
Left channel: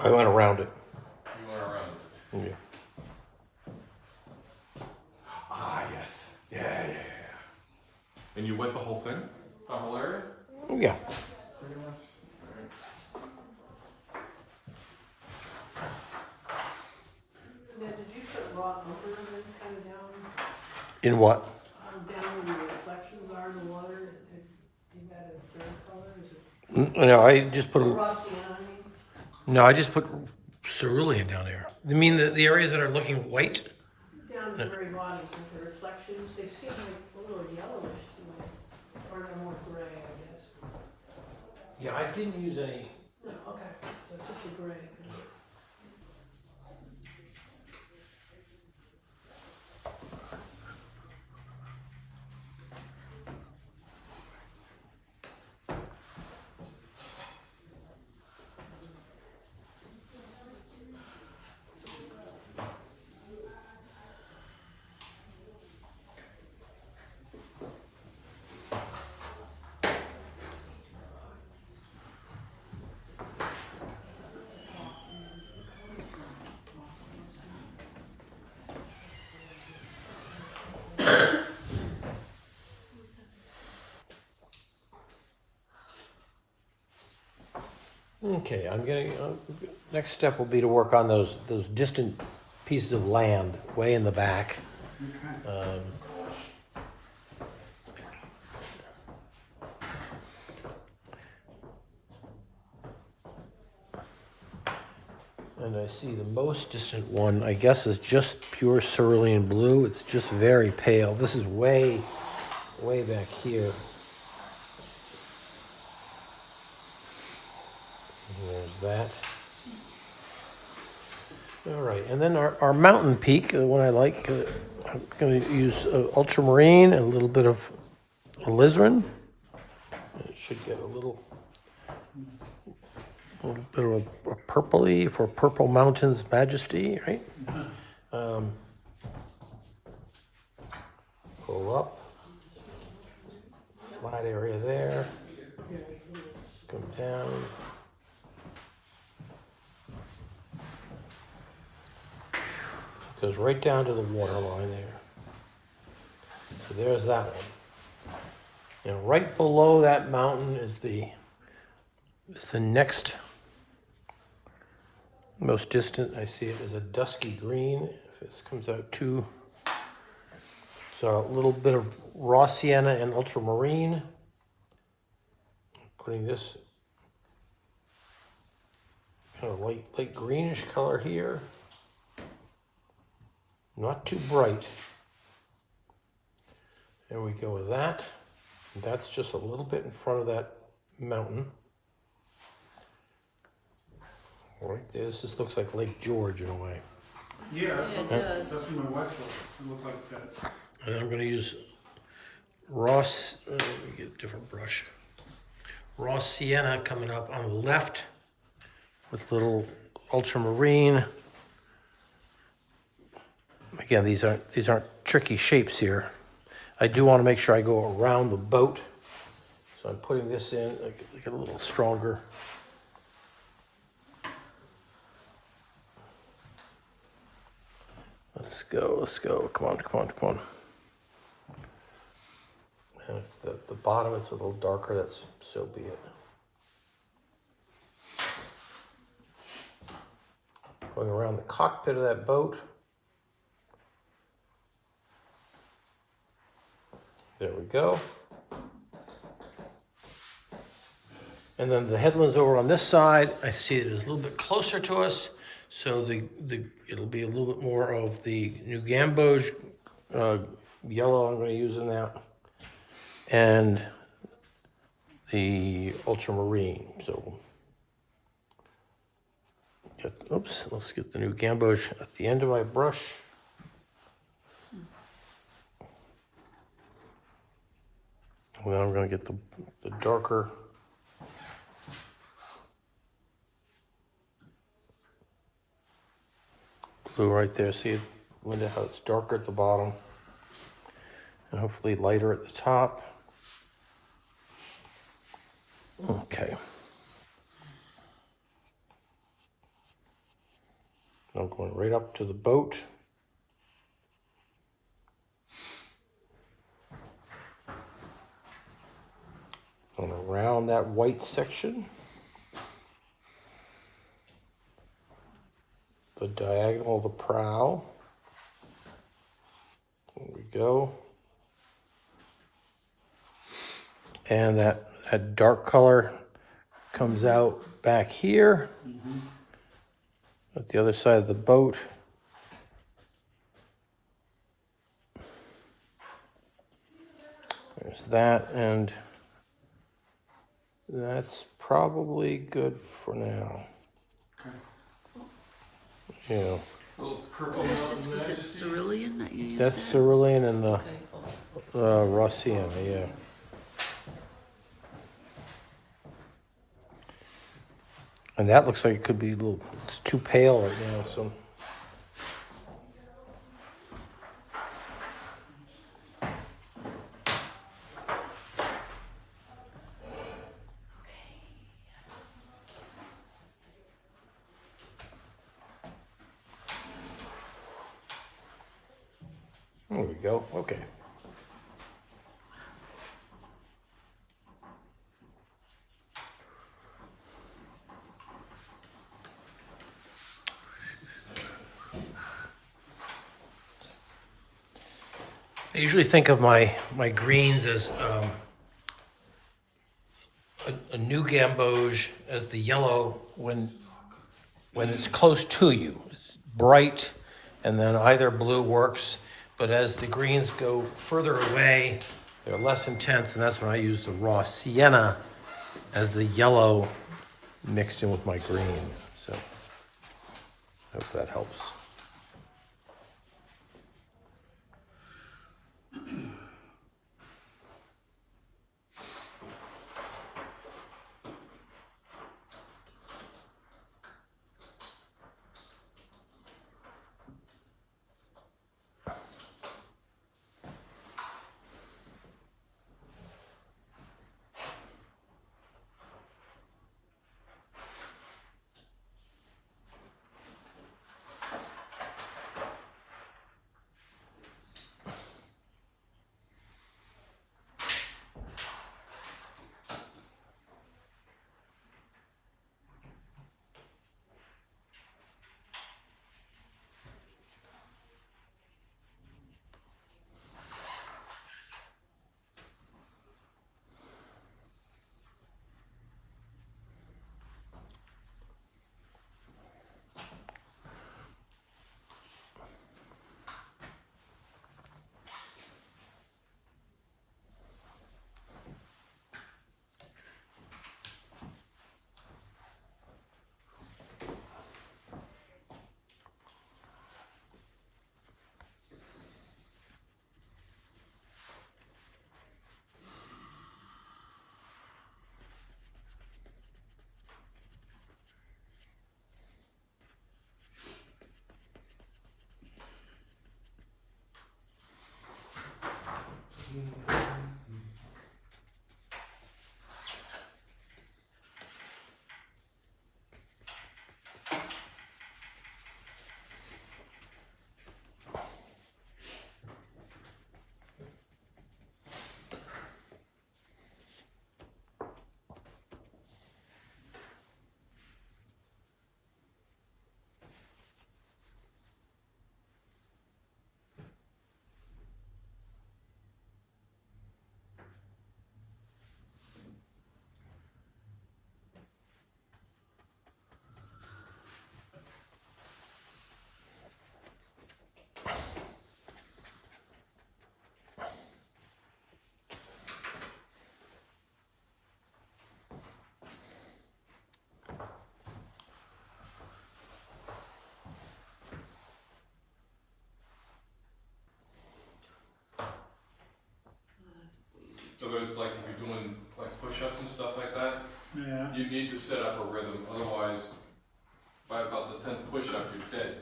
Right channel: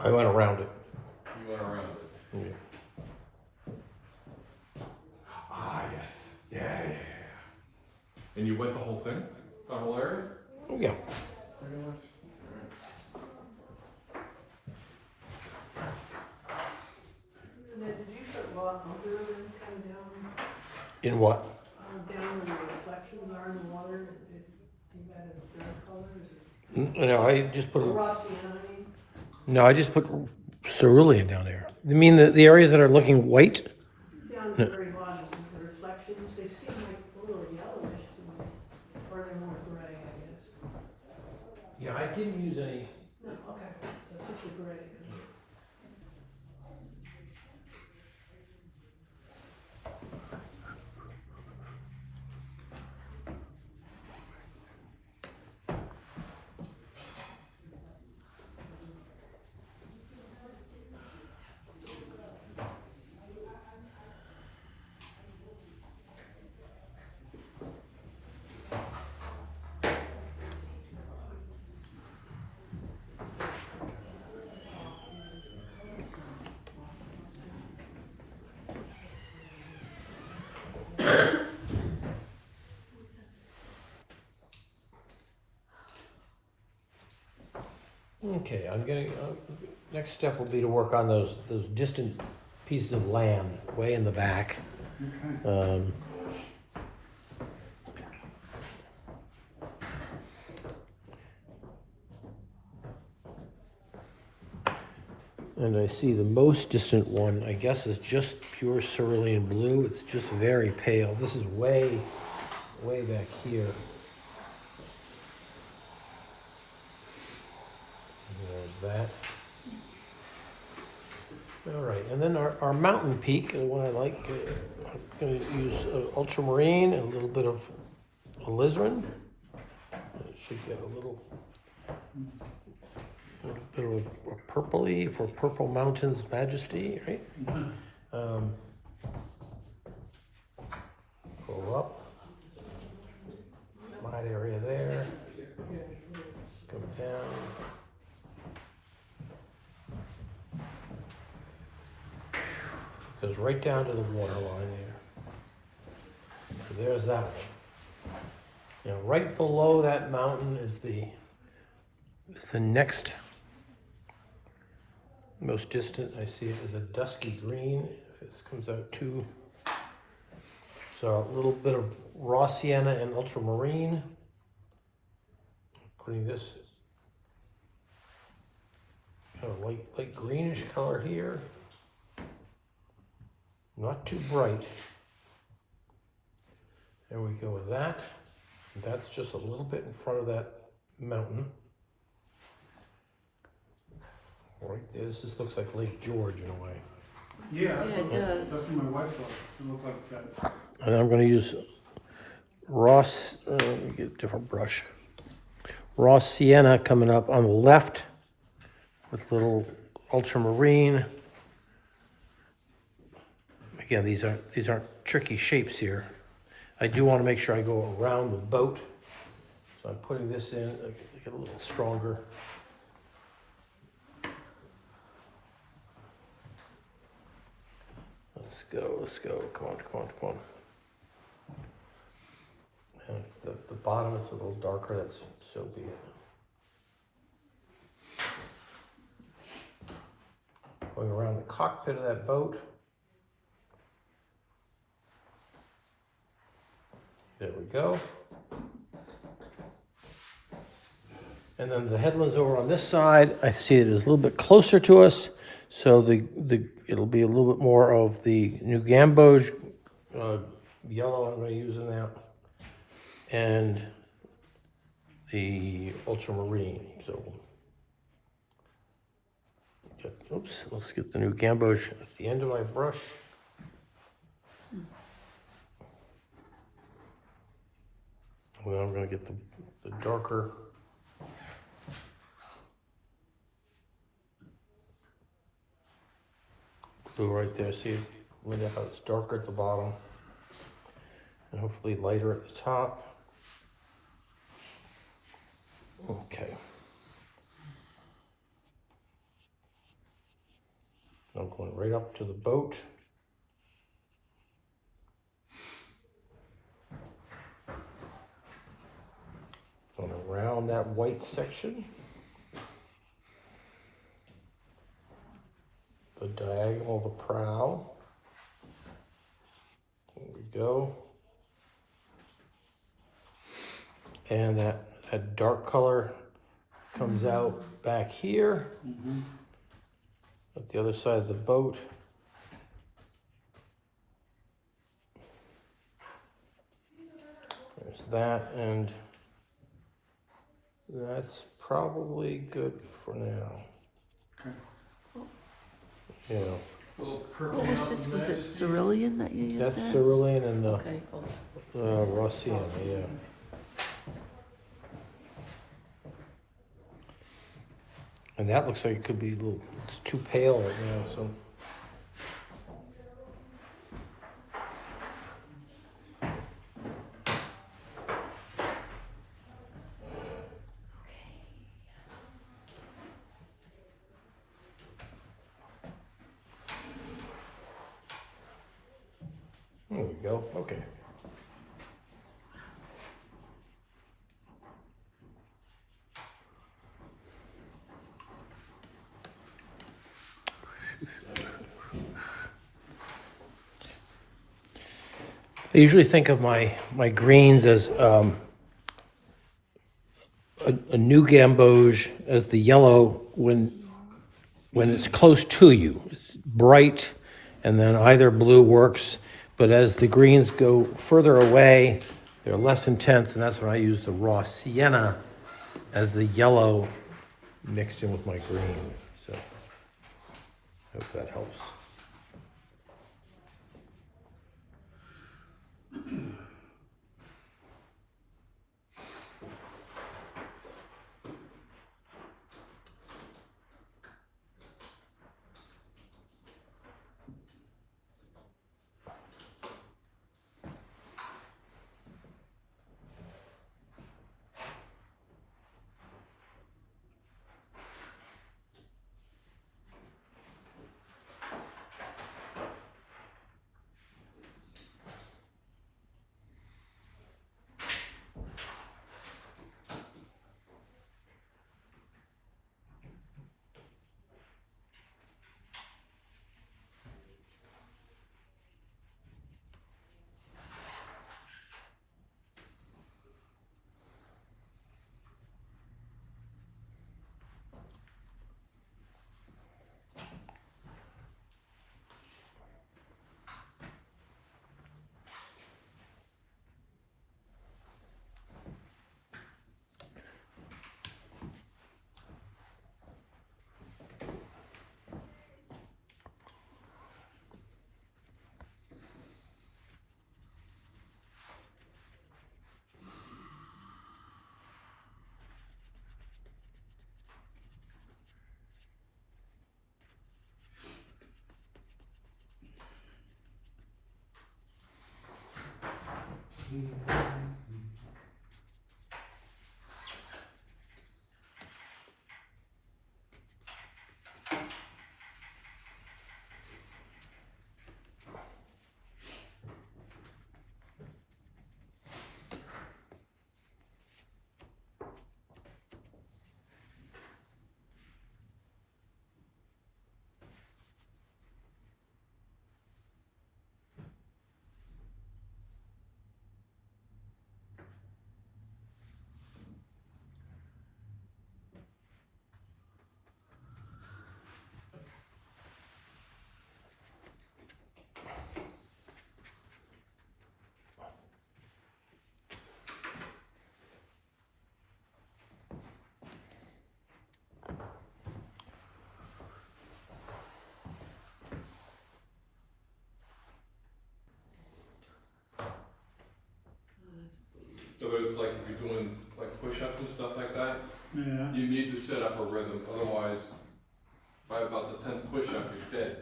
I went around it. You went around it. Yeah. Ah, yes. Yeah. And you wet the whole thing? The whole area? Yeah. Pretty much. Ned, did you put raw umber kind of down, In what? down where the reflections are in the water? You got a fair color? Is it No, I just put, raw sienna? I mean? no, I just put cerulean down there. You mean the areas that are looking white? Down at the very bottom, with the reflections, they seem like a little yellowish to me, or they're more gray, I guess. Yeah, I didn't use any. No, okay, so just a gray. Okay, I'm getting, next step will be to work on those distant pieces of land way in the back. Um, and I see the most distant one, I guess, is just pure cerulean blue. It's just very pale. This is way back here. There's that. All right, and then our mountain peak, the one I like, I'm going to use ultramarine and a little bit of alizarin. It should get a little bit of a purpley for Purple Mountain's Majesty, right? Go up. Flat area there. Come down. Goes right down to the water line there. So there's that one. And right below that mountain is the next most distant. I see it as a dusky green. If this comes out too. So a little bit of raw sienna and ultramarine. Putting this kind of light greenish color here. Not too bright. There we go with that. That's just a little bit in front of that mountain. Right there, this just looks like Lake George in a way. Yeah, It does. that's what my wife thought. It looked like that. And I'm going to use Ross, let me get a different brush. Raw sienna coming up on the left with little ultramarine. Again, these aren't tricky shapes here. I do want to make sure I go around the boat. So I'm putting this in, make it a little stronger. Let's go, come on. And if the bottom is a little darker, that's so be it. Going around the cockpit of that boat. There we go. And then the headland's over on this side. I see it is a little bit closer to us, so it'll be a little bit more of the New Gamboge yellow I'm going to use in that, and the ultramarine. So, let's get the New Gamboge at the end of my brush. And then I'm going to get the darker blue right there. See, Linda, how it's darker at the bottom and hopefully lighter at the top. Okay. I'm going right up to the boat. And around that white section. The diagonal of the prow. There we go. And that dark color comes out back here. At the other side of the boat. There's that, and that's probably good for now. Okay. Yeah. Little purple Was it cerulean that you used? That's there? cerulean and the Okay, cool. raw sienna, yeah. And that looks like it could be a little, it's too pale right now, so. There we go, okay. I usually think of my greens as a new gamboge as the yellow when it's close to you. It's bright, and then either blue works. But as the greens go further away, they're less intense, and that's when I use the raw sienna as the yellow mixed in with my green. So I hope that helps. So that it's like if you're doing like push-ups and stuff like that, Yeah. you need to set up a rhythm, otherwise by about the 10th push-up, you're dead.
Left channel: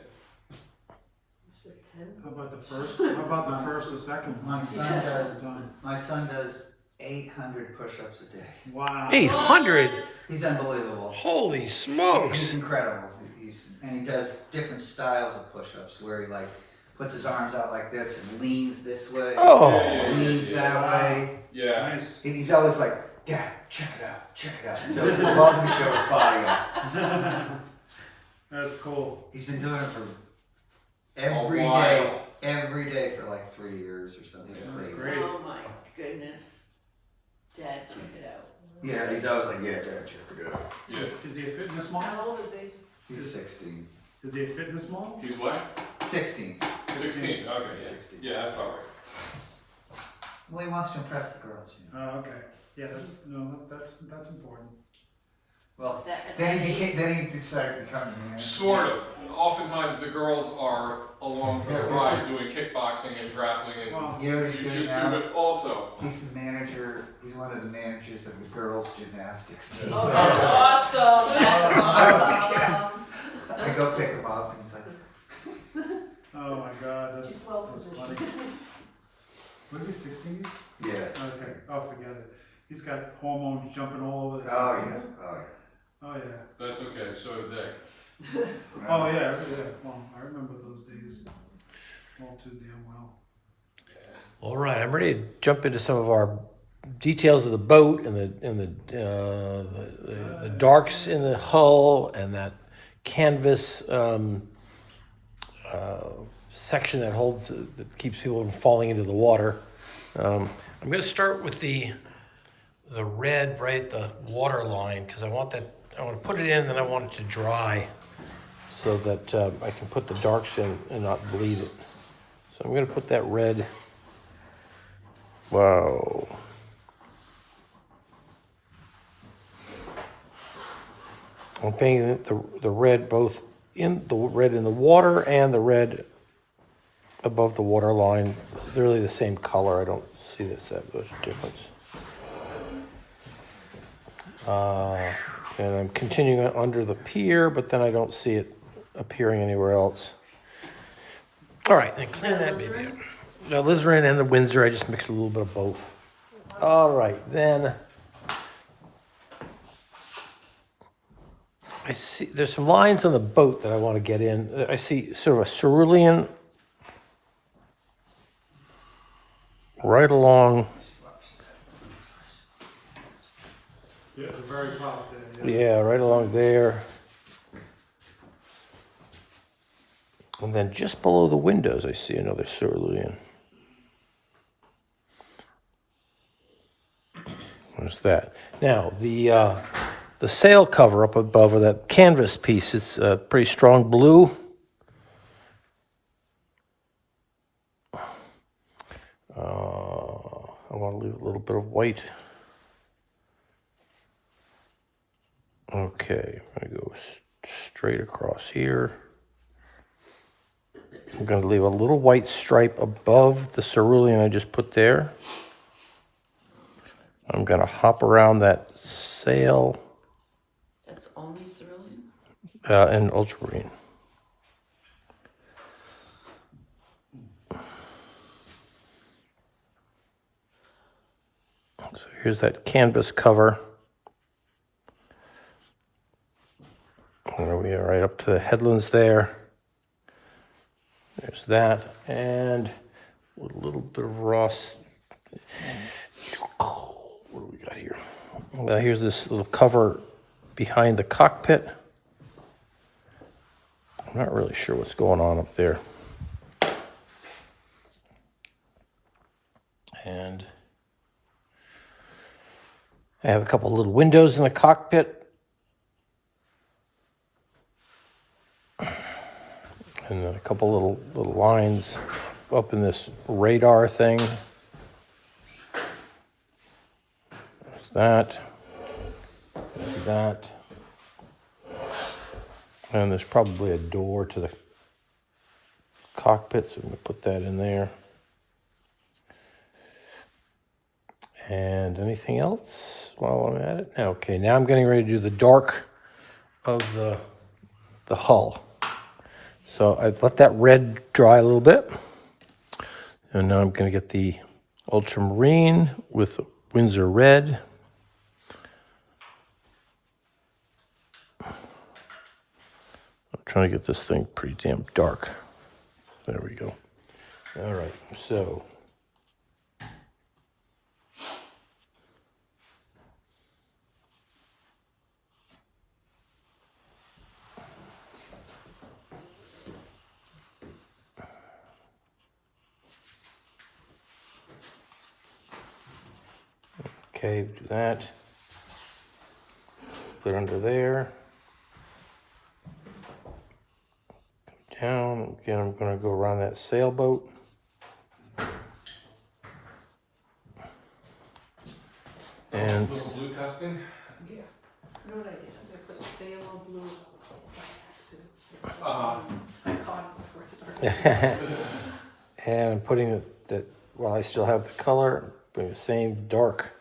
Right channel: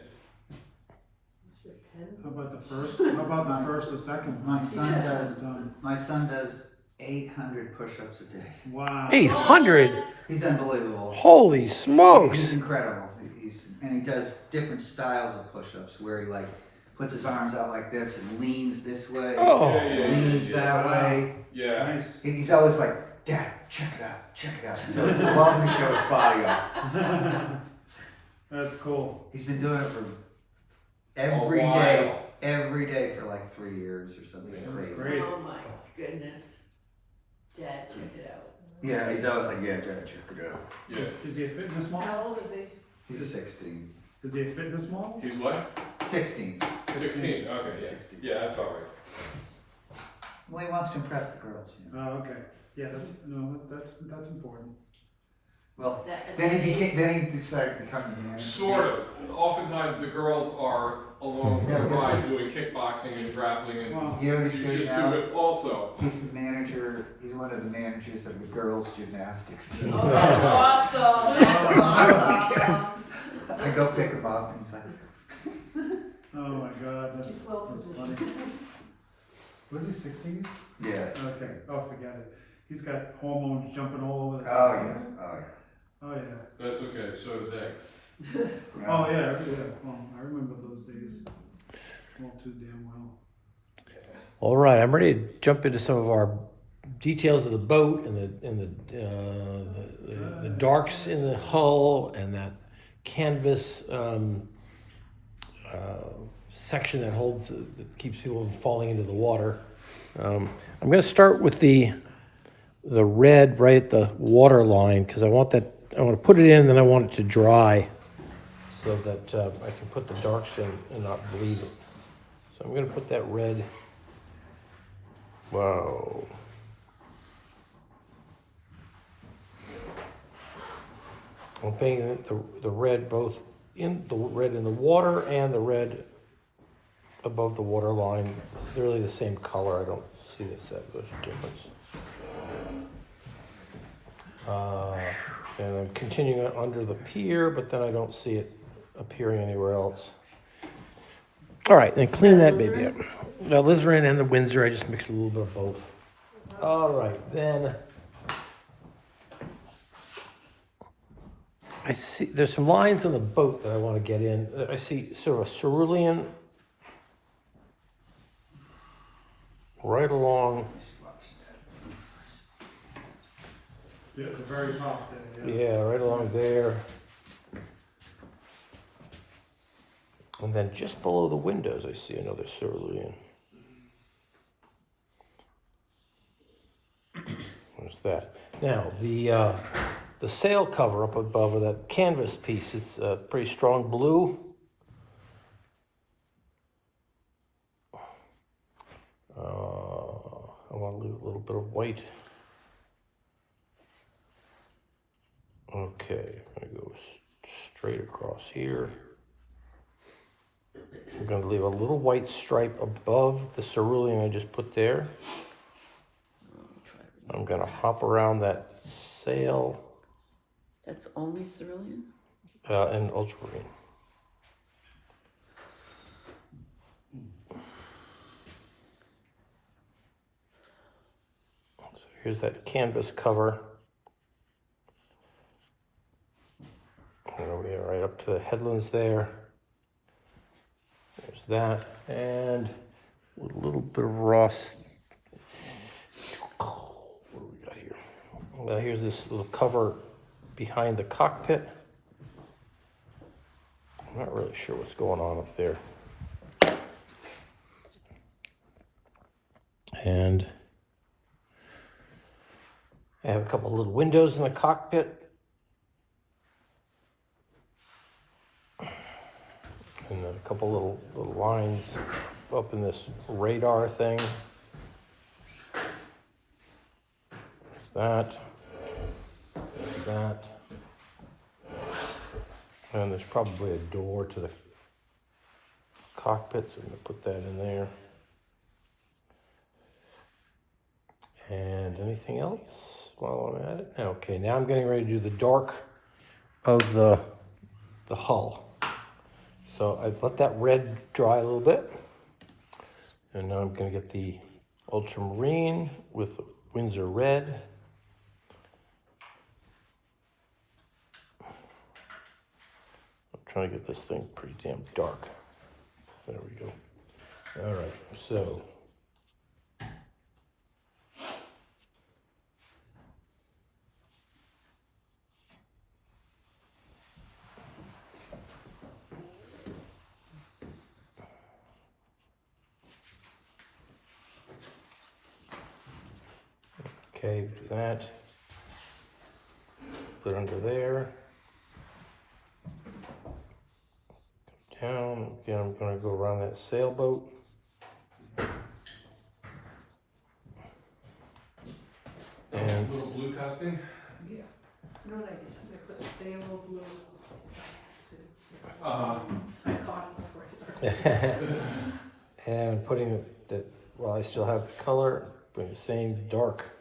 How about the first? How about the first or second? My one? son does. Done. My son does 800 push-ups a day. Wow. 800. He's unbelievable. Holy He's smokes! incredible. And he does different styles of push-ups where he like puts his arms out like this and leans this way. Oh. Leans that way. Yeah. Nice. And he's always like, Dad, check it out, check it out. So he's welcome to show his body off. That's cool. He's been doing it for while. every day for like 3 years or something. Yeah, that's crazy. great. Oh my goodness. Dad, check it out. Yeah, he's always like, yeah, Dad, check it out. Yeah. Is he a fitness model? How old is he? He's 16. Is he a fitness model? He's what? 16. 16. Okay, yeah. 16. Yeah, that's about right. Well, he wants to impress the girls. You know? Oh, okay. Yeah, that's important. Well, That- then he decided to become a man. Sort of. Oftentimes the girls are along for the ride doing kickboxing and grappling and Well, You know what he's doing jiu-jitsu, now? but also. He's the manager. He's one of the managers of the girls' gymnastics team. Awesome. That's awesome. I go pick him up and it's like, oh my God, that's funny. Was he 16? yes. Okay. Oh, forget it. He's got hormones jumping all over the Oh place. yes. Oh yeah. Oh yeah. That's okay, so did they. Oh yeah. Well, I remember those days all too damn well. All right, I'm ready to jump into some of our details of the boat and the darks in the hull and that canvas section that holds that keeps people from falling into the water. I'm going to start with the red right at the water line because I want that. I want to put it in, then I want it to dry so that I can put the darks in and not bleed it. So I'm going to put that red. Wow. I'm painting the red both in the red in the water and the red above the water line. They're really the same color. I don't see that much difference. And I'm continuing it under the pier, but then I don't see it appearing anywhere else. All right, then clean that baby up. The alizarin and the Windsor, I just mixed a little bit of both. All right, then I see there's some lines on the boat that I want to get in. I see sort of a cerulean right along. Yeah, at the very top there. Yeah, right along there. And then just below the windows, I see another cerulean. There's that. Now, the sail cover up above, or that canvas piece, it's a pretty strong blue. I want to leave a little bit of white. Okay, I'm going to go straight across here. I'm going to leave a little white stripe above the cerulean I just put there. I'm going to hop around that sail That's only cerulean? and ultramarine. So here's that canvas cover. There we are, right up to the headlands there. There's that, and with a little bit of raw. What do we got here? Well, here's this little cover behind the cockpit. I'm not really sure what's going on up there. And I have a couple little windows in the cockpit. And then a couple little lines up in this radar thing. There's that. There's that. And there's probably a door to the cockpit, so I'm going to put that in there. And anything else while I'm at it? Okay, now I'm getting ready to do the dark of the hull. So I've let that red dry a little bit. And now I'm going to get the ultramarine with Windsor red. I'm trying to get this thing pretty damn dark. There we go. All right, so. Okay, do that. Put it under there. Come down. Again, I'm going to go around that sailboat. And Little blue testing. Yeah. You know what I did? I put phthalo blue. I caught it before I started. and I'm putting that while I still have the color, putting the same dark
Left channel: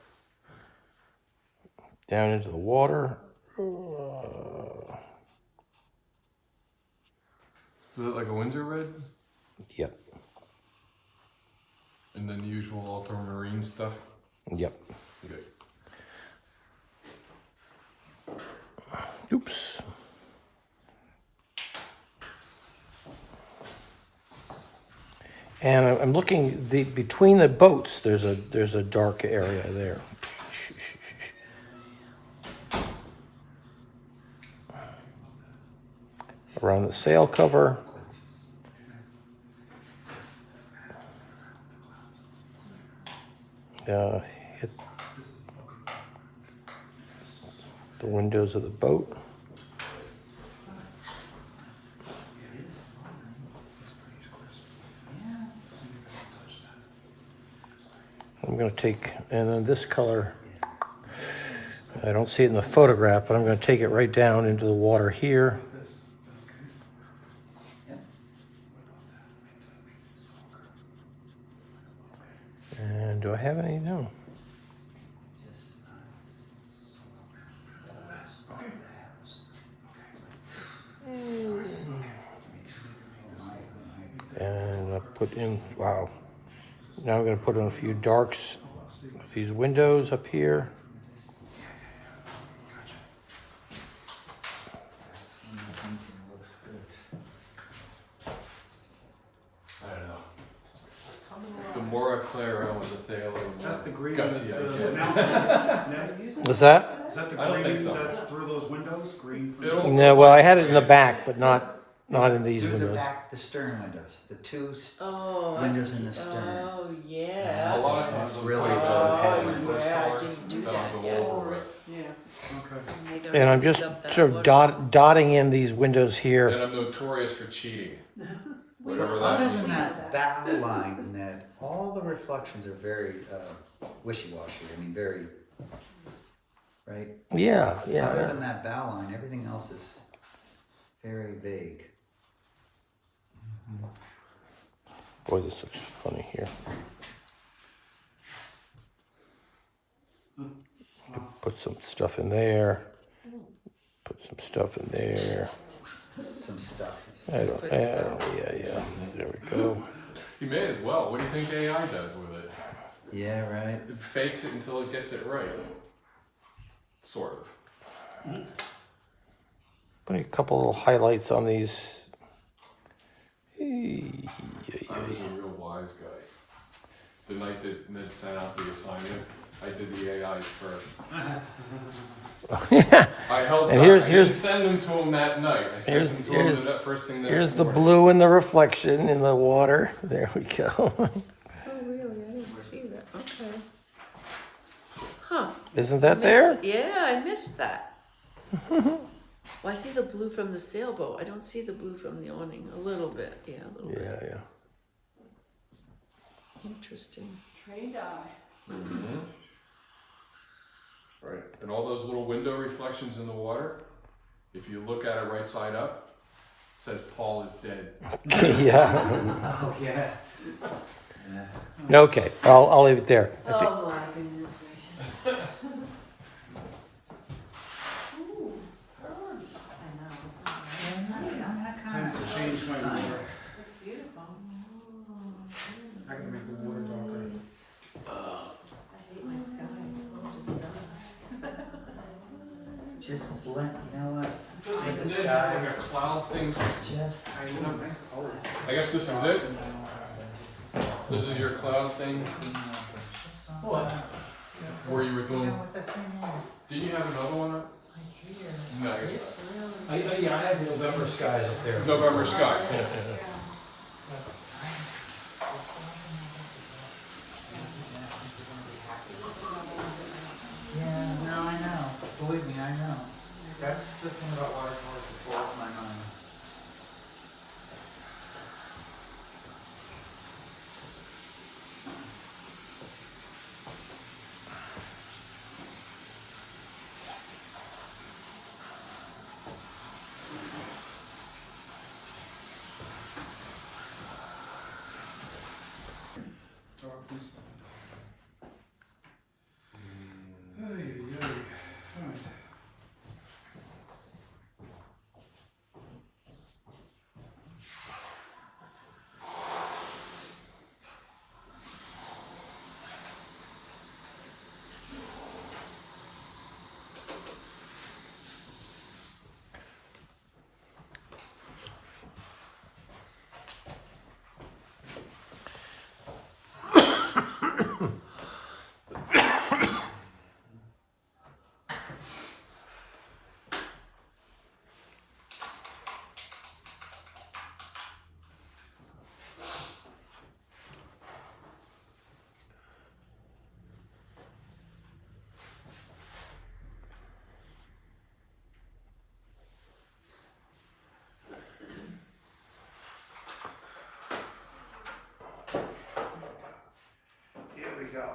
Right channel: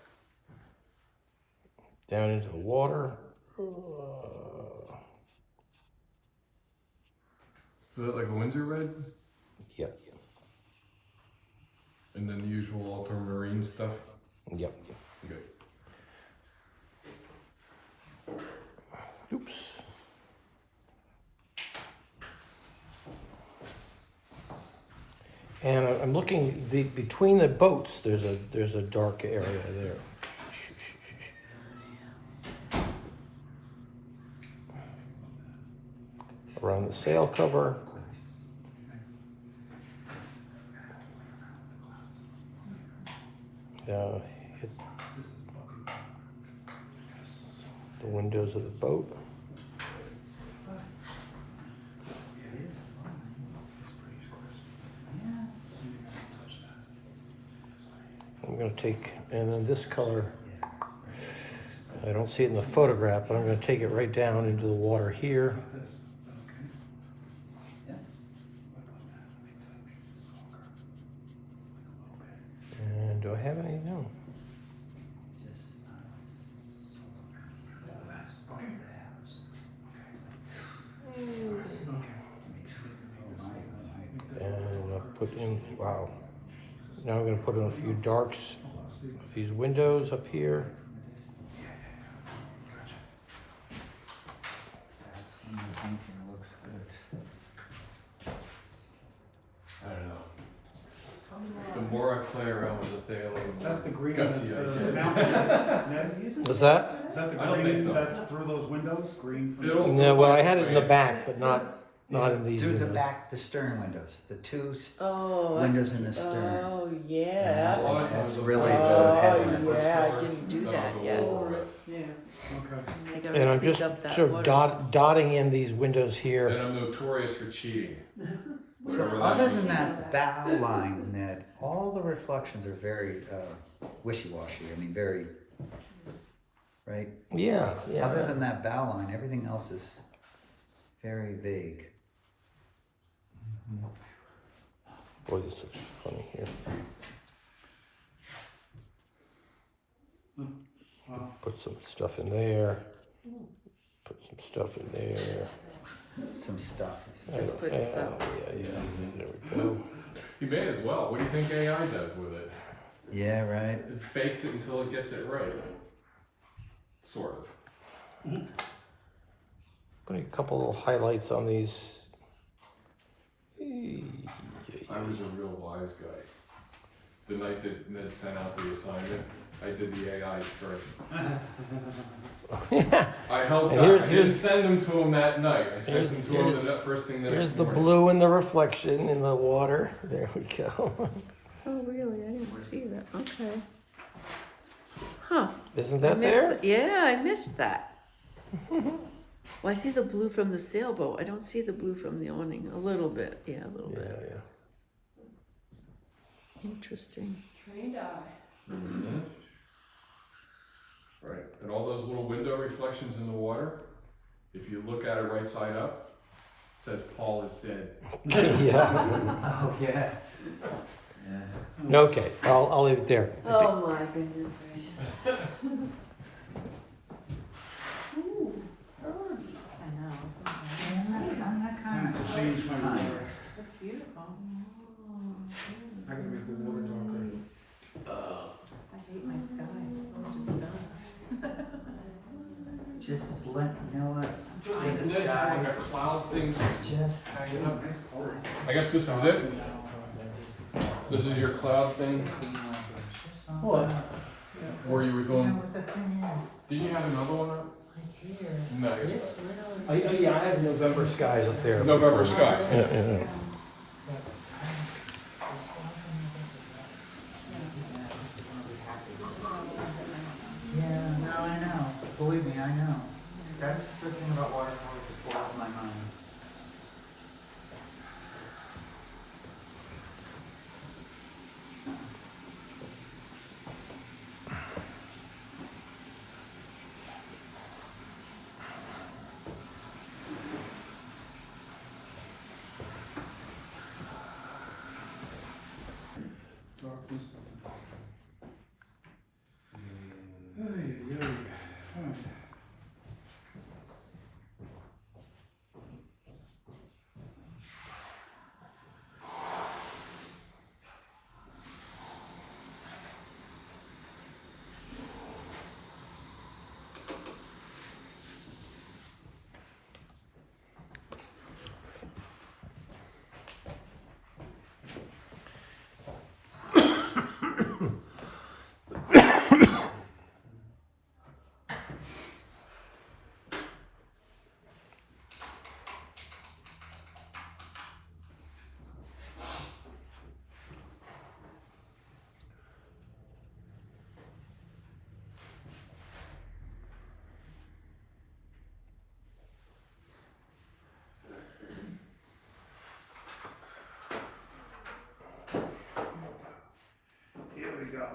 down into the water. So is that like a Windsor red? Yep, And then the usual ultramarine stuff? yep. Okay. Oops. And I'm looking between the boats. There's a dark area there. Around the sail cover. Hit the windows of the boat. I'm going to take, and then this color, I don't see it in the photograph, but I'm going to take it right down into the water here. And do I have any? No. And I put in, wow. Now I'm going to put in a few darks. These windows up here. I don't know. The more I play around with the phthalo, That's the green Gutsy, that's I can't. mounted, Ned? What's that? Is that the I don't think green so. that's through those windows? Green for It'll- No, well, I had it in the back, but not in these Do the windows. back, the stern windows, the two Oh. windows in the stern. Oh, A yeah. lot of times That's they'll really put it the on heavy. the first Yeah, I floor, didn't do then that I'll go yet. over it. Okay. Am I gonna And I'm pick just up that sort of water? dotting in these windows here. And I'm notorious for cheating. So Whatever that other than means. that bow line, Ned, all the reflections are very wishy-washy. I mean, very, right? Yeah, Other yeah. than that bow line, everything else is very vague. Boy, this looks funny here. Wow. Put some stuff in there. Put some stuff in there. Some stuff. I don't, yeah. There we go. You may as well. What do you think AI does with it? Yeah, right. It fakes it until it gets it right. Sort of. Put a couple little highlights on these. I was a real wise guy. The night that Ned sent out the assignment, I did the AIs first. I helped And out. here's- I here's- didn't send them to him that night. I sent here's- them to here's- him the first thing the Here's next the morning. blue and the reflection in the water. There we go. Oh, really? I didn't see that. Okay. Huh. Isn't I that missed there? it. Yeah, I missed that. Well, I see the blue from the sailboat. I don't see the blue from the awning. A little bit. Yeah, a little bit. Yeah. Interesting. Trained eye. Mhm. Right. And all those little window reflections in the water, if you look at it right side up, it says Paul is dead. Yeah. Oh, yeah. Okay, I'll leave it there. I think- Oh my goodness gracious. Time to change my water. That's beautiful. I gotta make the water darker. I hate my skies. They're just done. Just blend, you know what? Take the Doesn't Ned have sky. like a cloud thing Just. hanging up? I guess this is it? This is your cloud thing? What? Where you were doing, What the thing is, did you have another one up? right here. No, I guess This not. will. Yeah, I have November skies up there. November sky. Yeah, yeah, yeah. Yeah, no, I know. Believe me, I know. That's the thing about water, it blows my mind. Darkness. Ay, ay, ay. Alright. Here we go.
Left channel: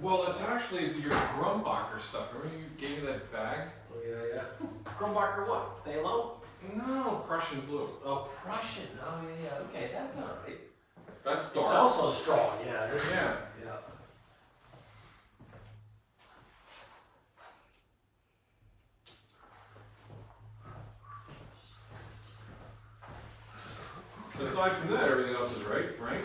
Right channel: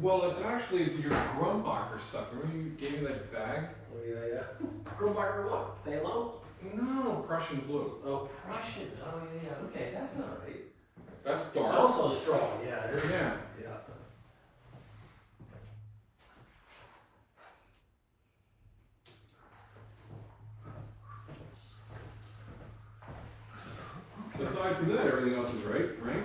Well, it's actually your Grumbacher stuff. Remember you gave me that bag? Oh, yeah, yeah. Grumbacher what? Phthalo? No, Prussian blue. Oh, Prussian. Oh, yeah, yeah. Okay, that's all right. That's It's dark. also straw, yeah. It is. Yeah. Yeah. Aside from that, everything else is right, right?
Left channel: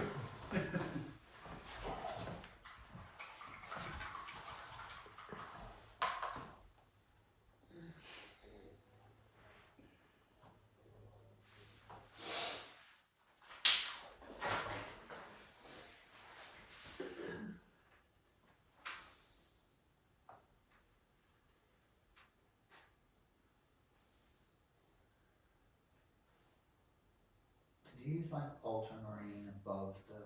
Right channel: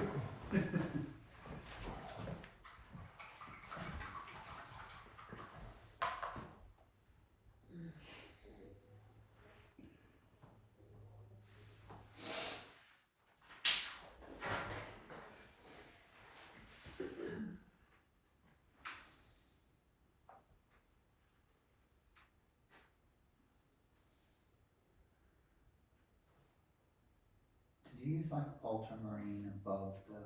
Did you use like ultramarine above the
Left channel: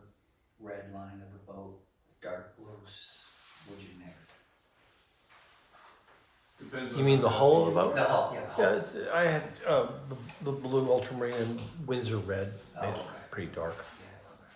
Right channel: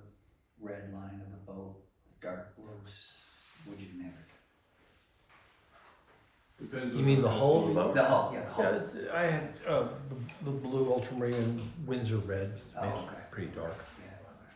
red line of the boat, dark blue? What'd you mix? Depends You on mean how the fast hull of you- the boat? The hull, yeah, the hull. Yeah, I had the blue ultramarine and Windsor red. Oh, It's okay. pretty dark. Yeah, okay.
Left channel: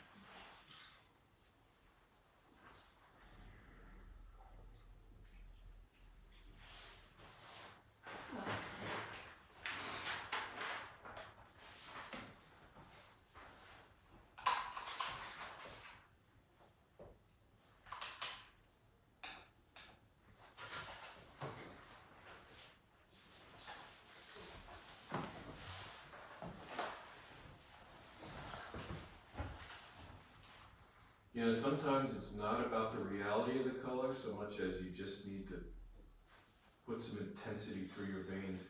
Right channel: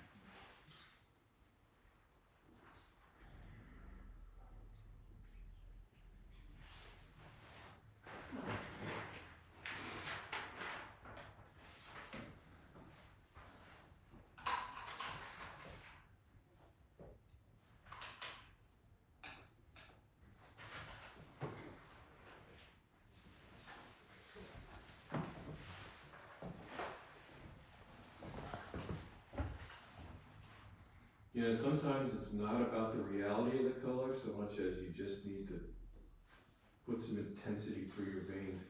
Yeah, sometimes it's not about the reality of the color so much as you just need to put some intensity through your veins.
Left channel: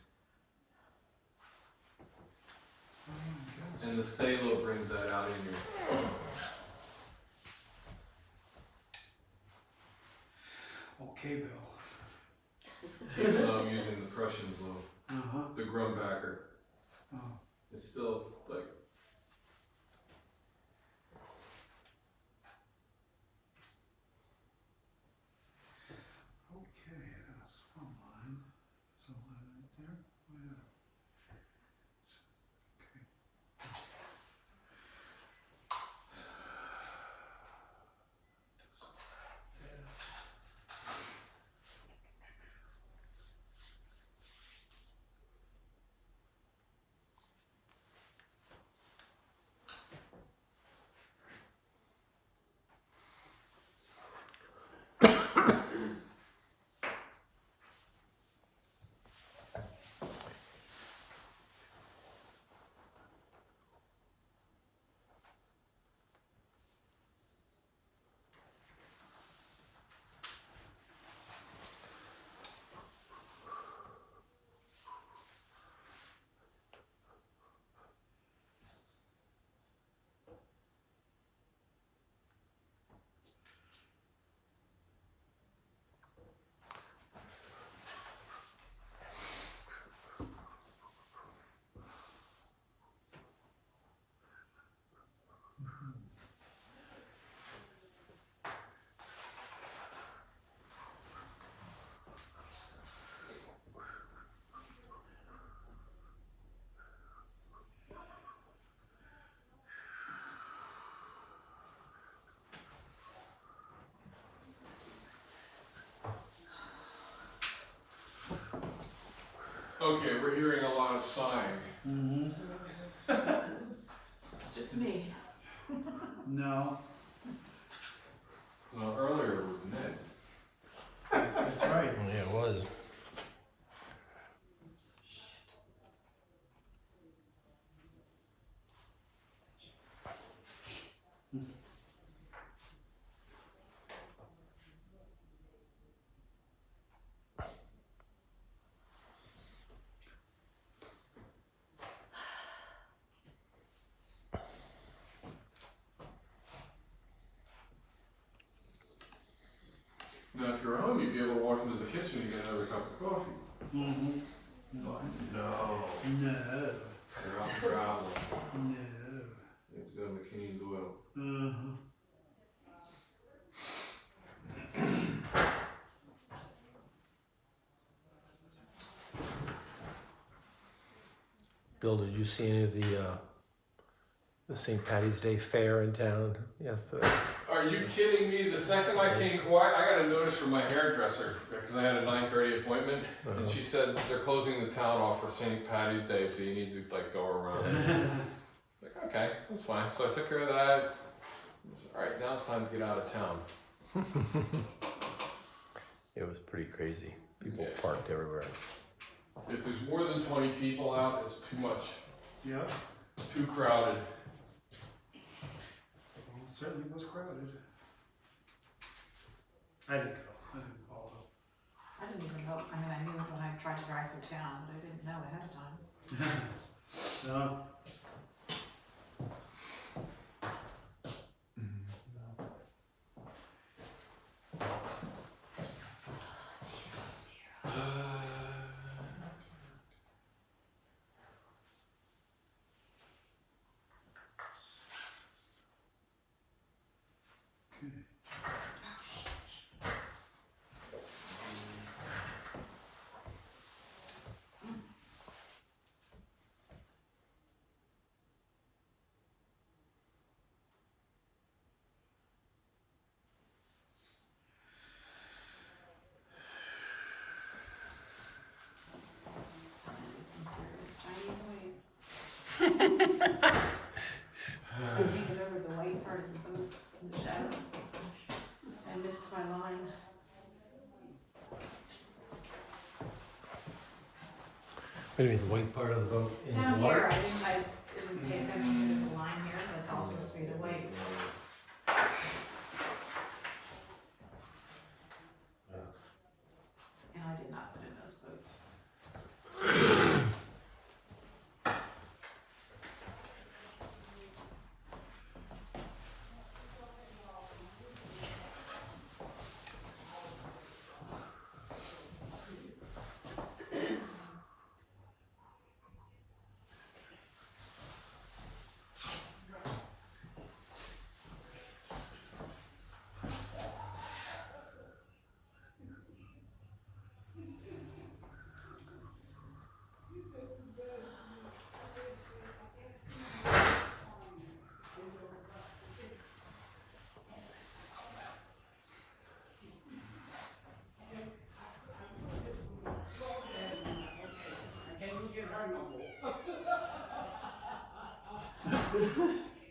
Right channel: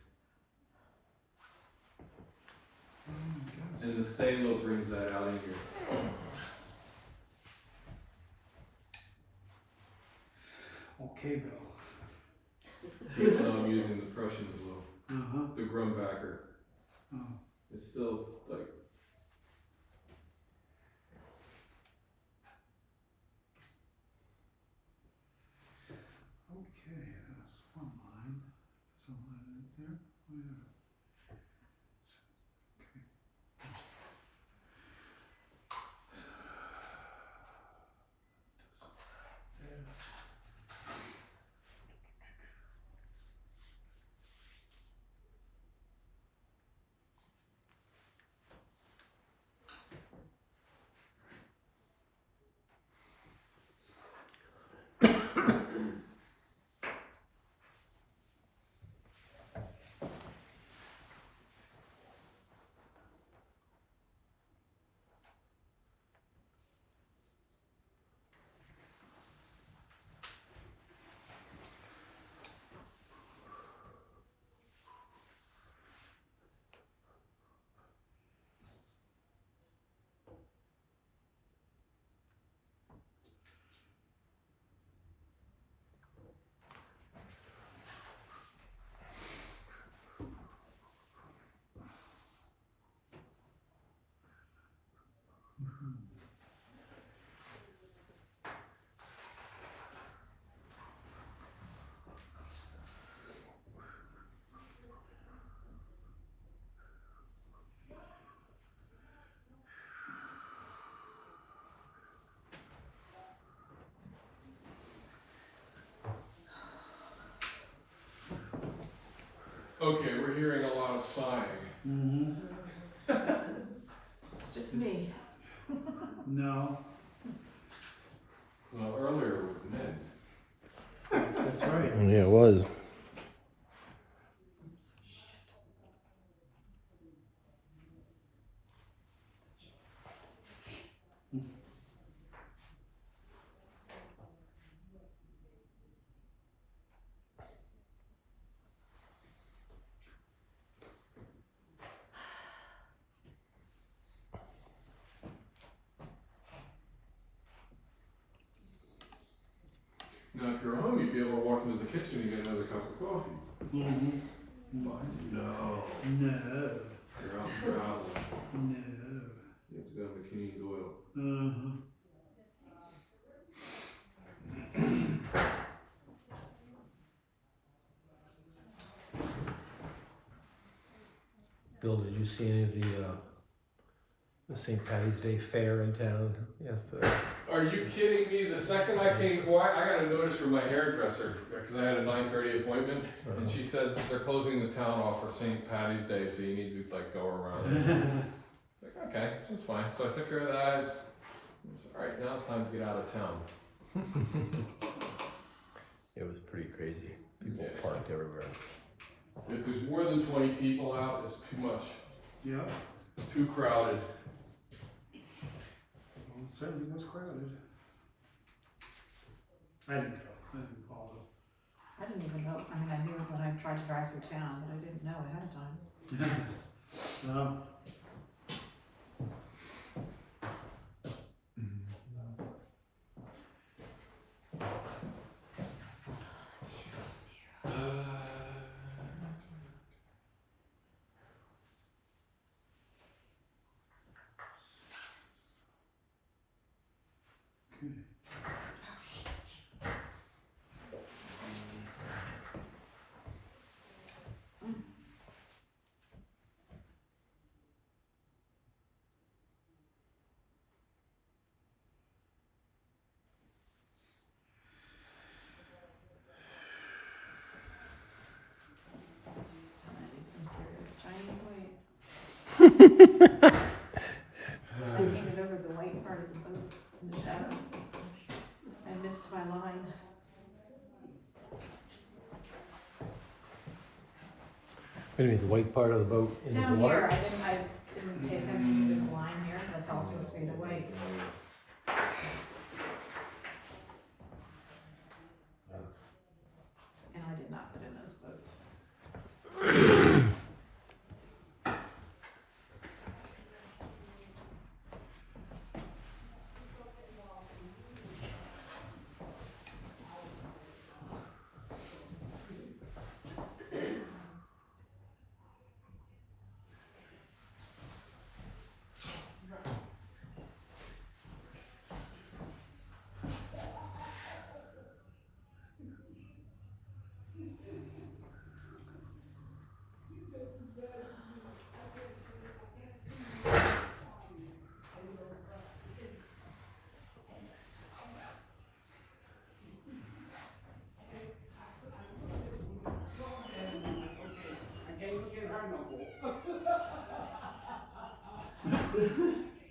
And the phthalo brings that out in you. Okay, Bill. Even though I'm using the Prussian blue, Uh-huh. the Grumbacher, Oh. it's still like, Okay, that's one line. There's a line right there. Oh, yeah. Okay. okay, we're hearing a lot of sighing. Mm-hmm. It's just me. No, Well, earlier it was Ned. that's right. Yeah, it was. Now, if you're home, you'd be able to walk into the kitchen and get another cup of coffee. Mm-hmm. But no, No, you're out traveling. no. You have to go to McKinney Doyle. Uh-huh. Bill, did you see any of the St. Patty's Day fair in town? Yes. Are you kidding me? The second I came, well, I got a notice from my hairdresser because I had a 9:30 appointment, and she said they're closing the town off for St. Patty's Day, so you need to like go around. Like, okay, that's fine. So I took care of that. I was, all right, now it's time to get out of town. It was pretty crazy. People Yeah. parked everywhere. If there's more than 20 people out, it's too much. Yep. Too crowded. Well, it certainly was crowded. I didn't go. I didn't follow. I didn't even know, I mean, I knew when I tried to drive through town, but I didn't know ahead of time. No. Some serious Chinese white. I painted over the white part of the boot in the shadow. I missed my line. What do you mean, the white part of the boat? In Down the here, water? I didn't pay attention to this line here, that's all supposed to be the white.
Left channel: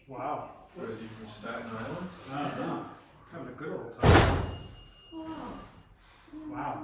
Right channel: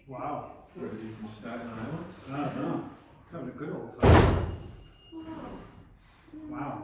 Wow. Or is he from Staten Island? I don't know. Having a good old time. Wow.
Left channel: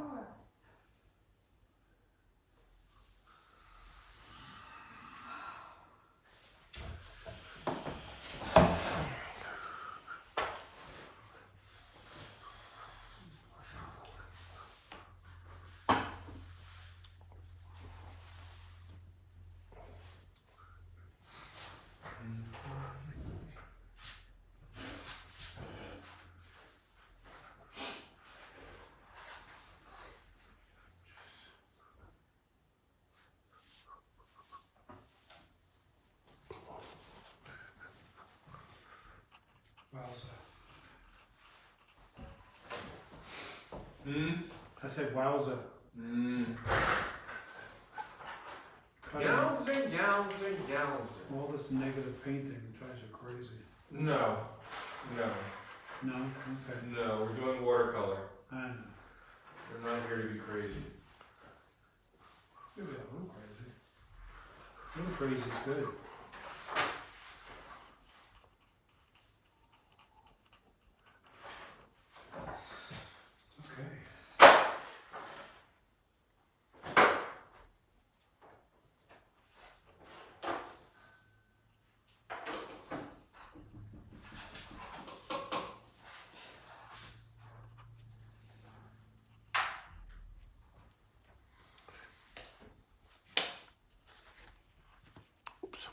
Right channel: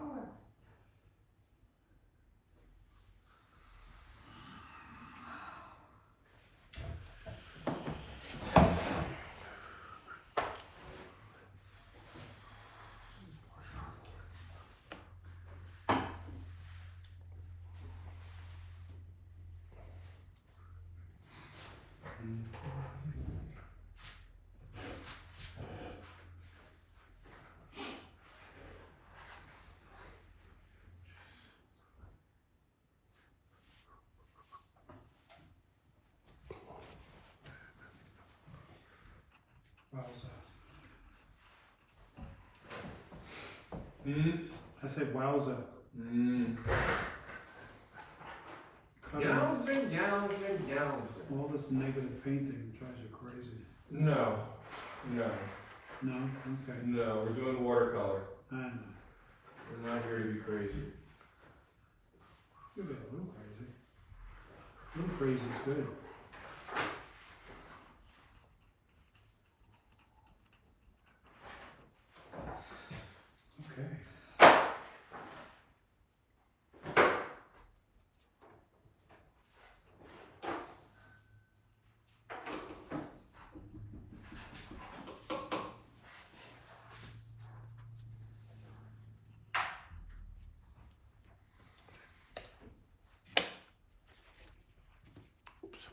Wowza. I said wowza. Yowza. All this negative painting drives you crazy. No. No? Okay. No, we're doing watercolor. I know. We're not here to be crazy. You'll be a little crazy. A little crazy is good. Okay. Oops.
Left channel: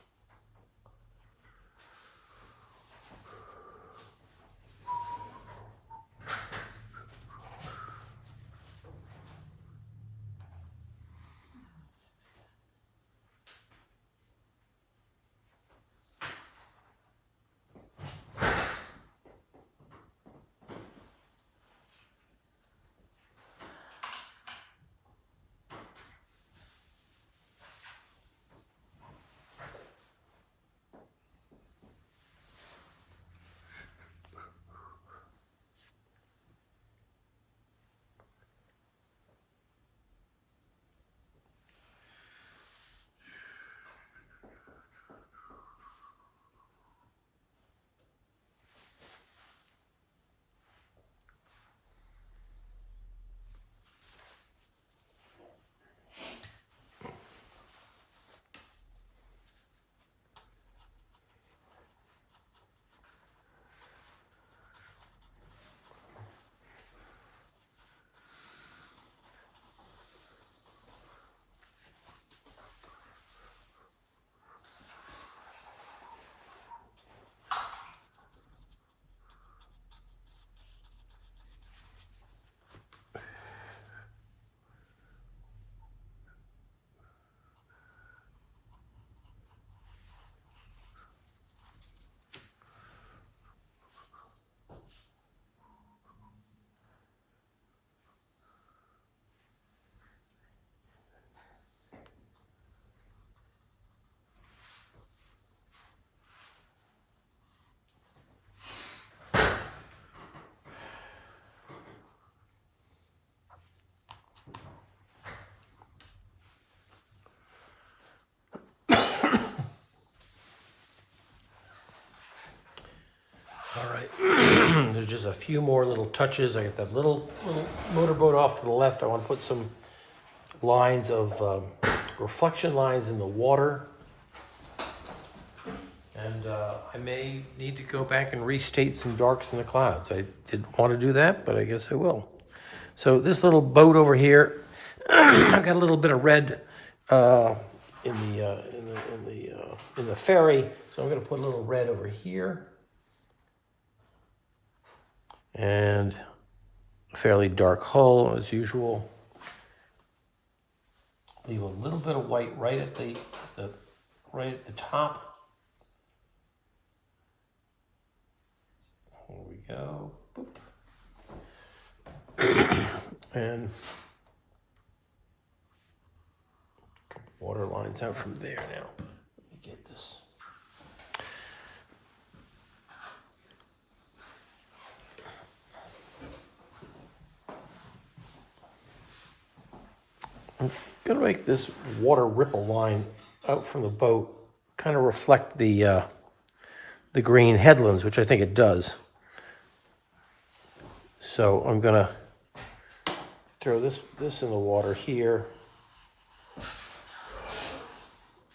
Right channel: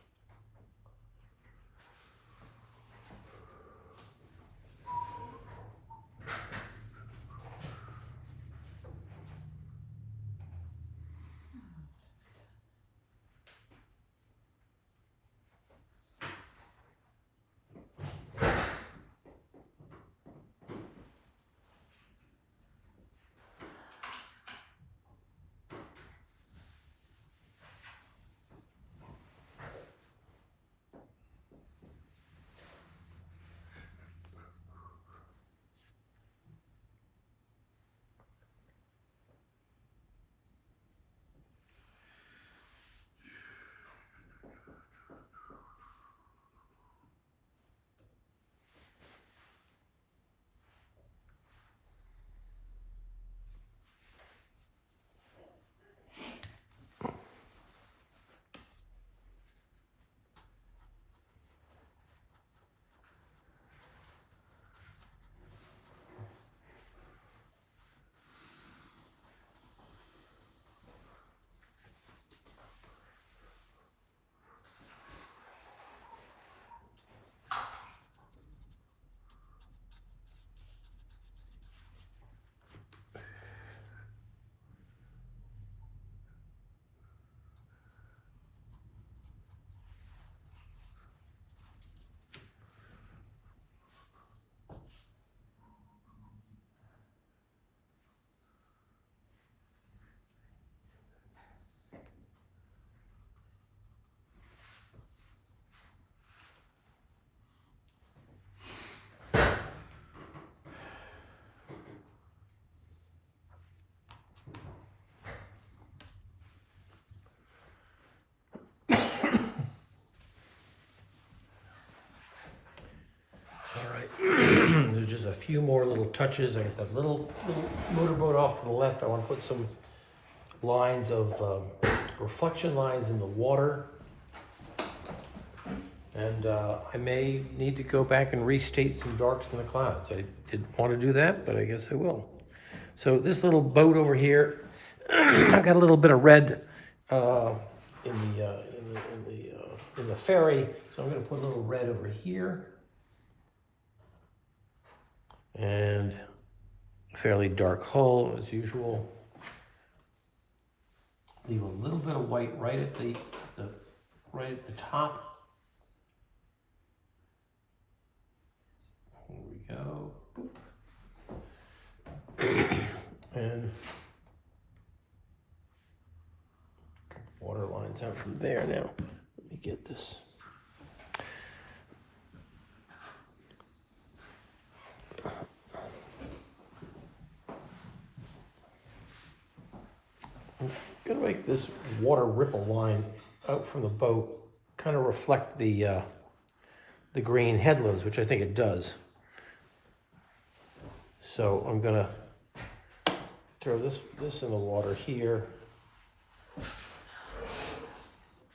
All right, there's just a few more little touches. I got that little motorboat off to the left. I want to put some lines of reflection lines in the water. And I may need to go back and restate some darks in the clouds. I didn't want to do that, but I guess I will. So this little boat over here, I've got a little bit of red in the ferry, so I'm going to put a little red over here. And a fairly dark hull as usual. Leave a little bit of white right at the top. There we go. Boop. And a couple water lines out from there now. Let me get this. Gonna make this water ripple line out from the boat kind of reflect the green headlands, which I think it does. So I'm gonna throw this in the water here,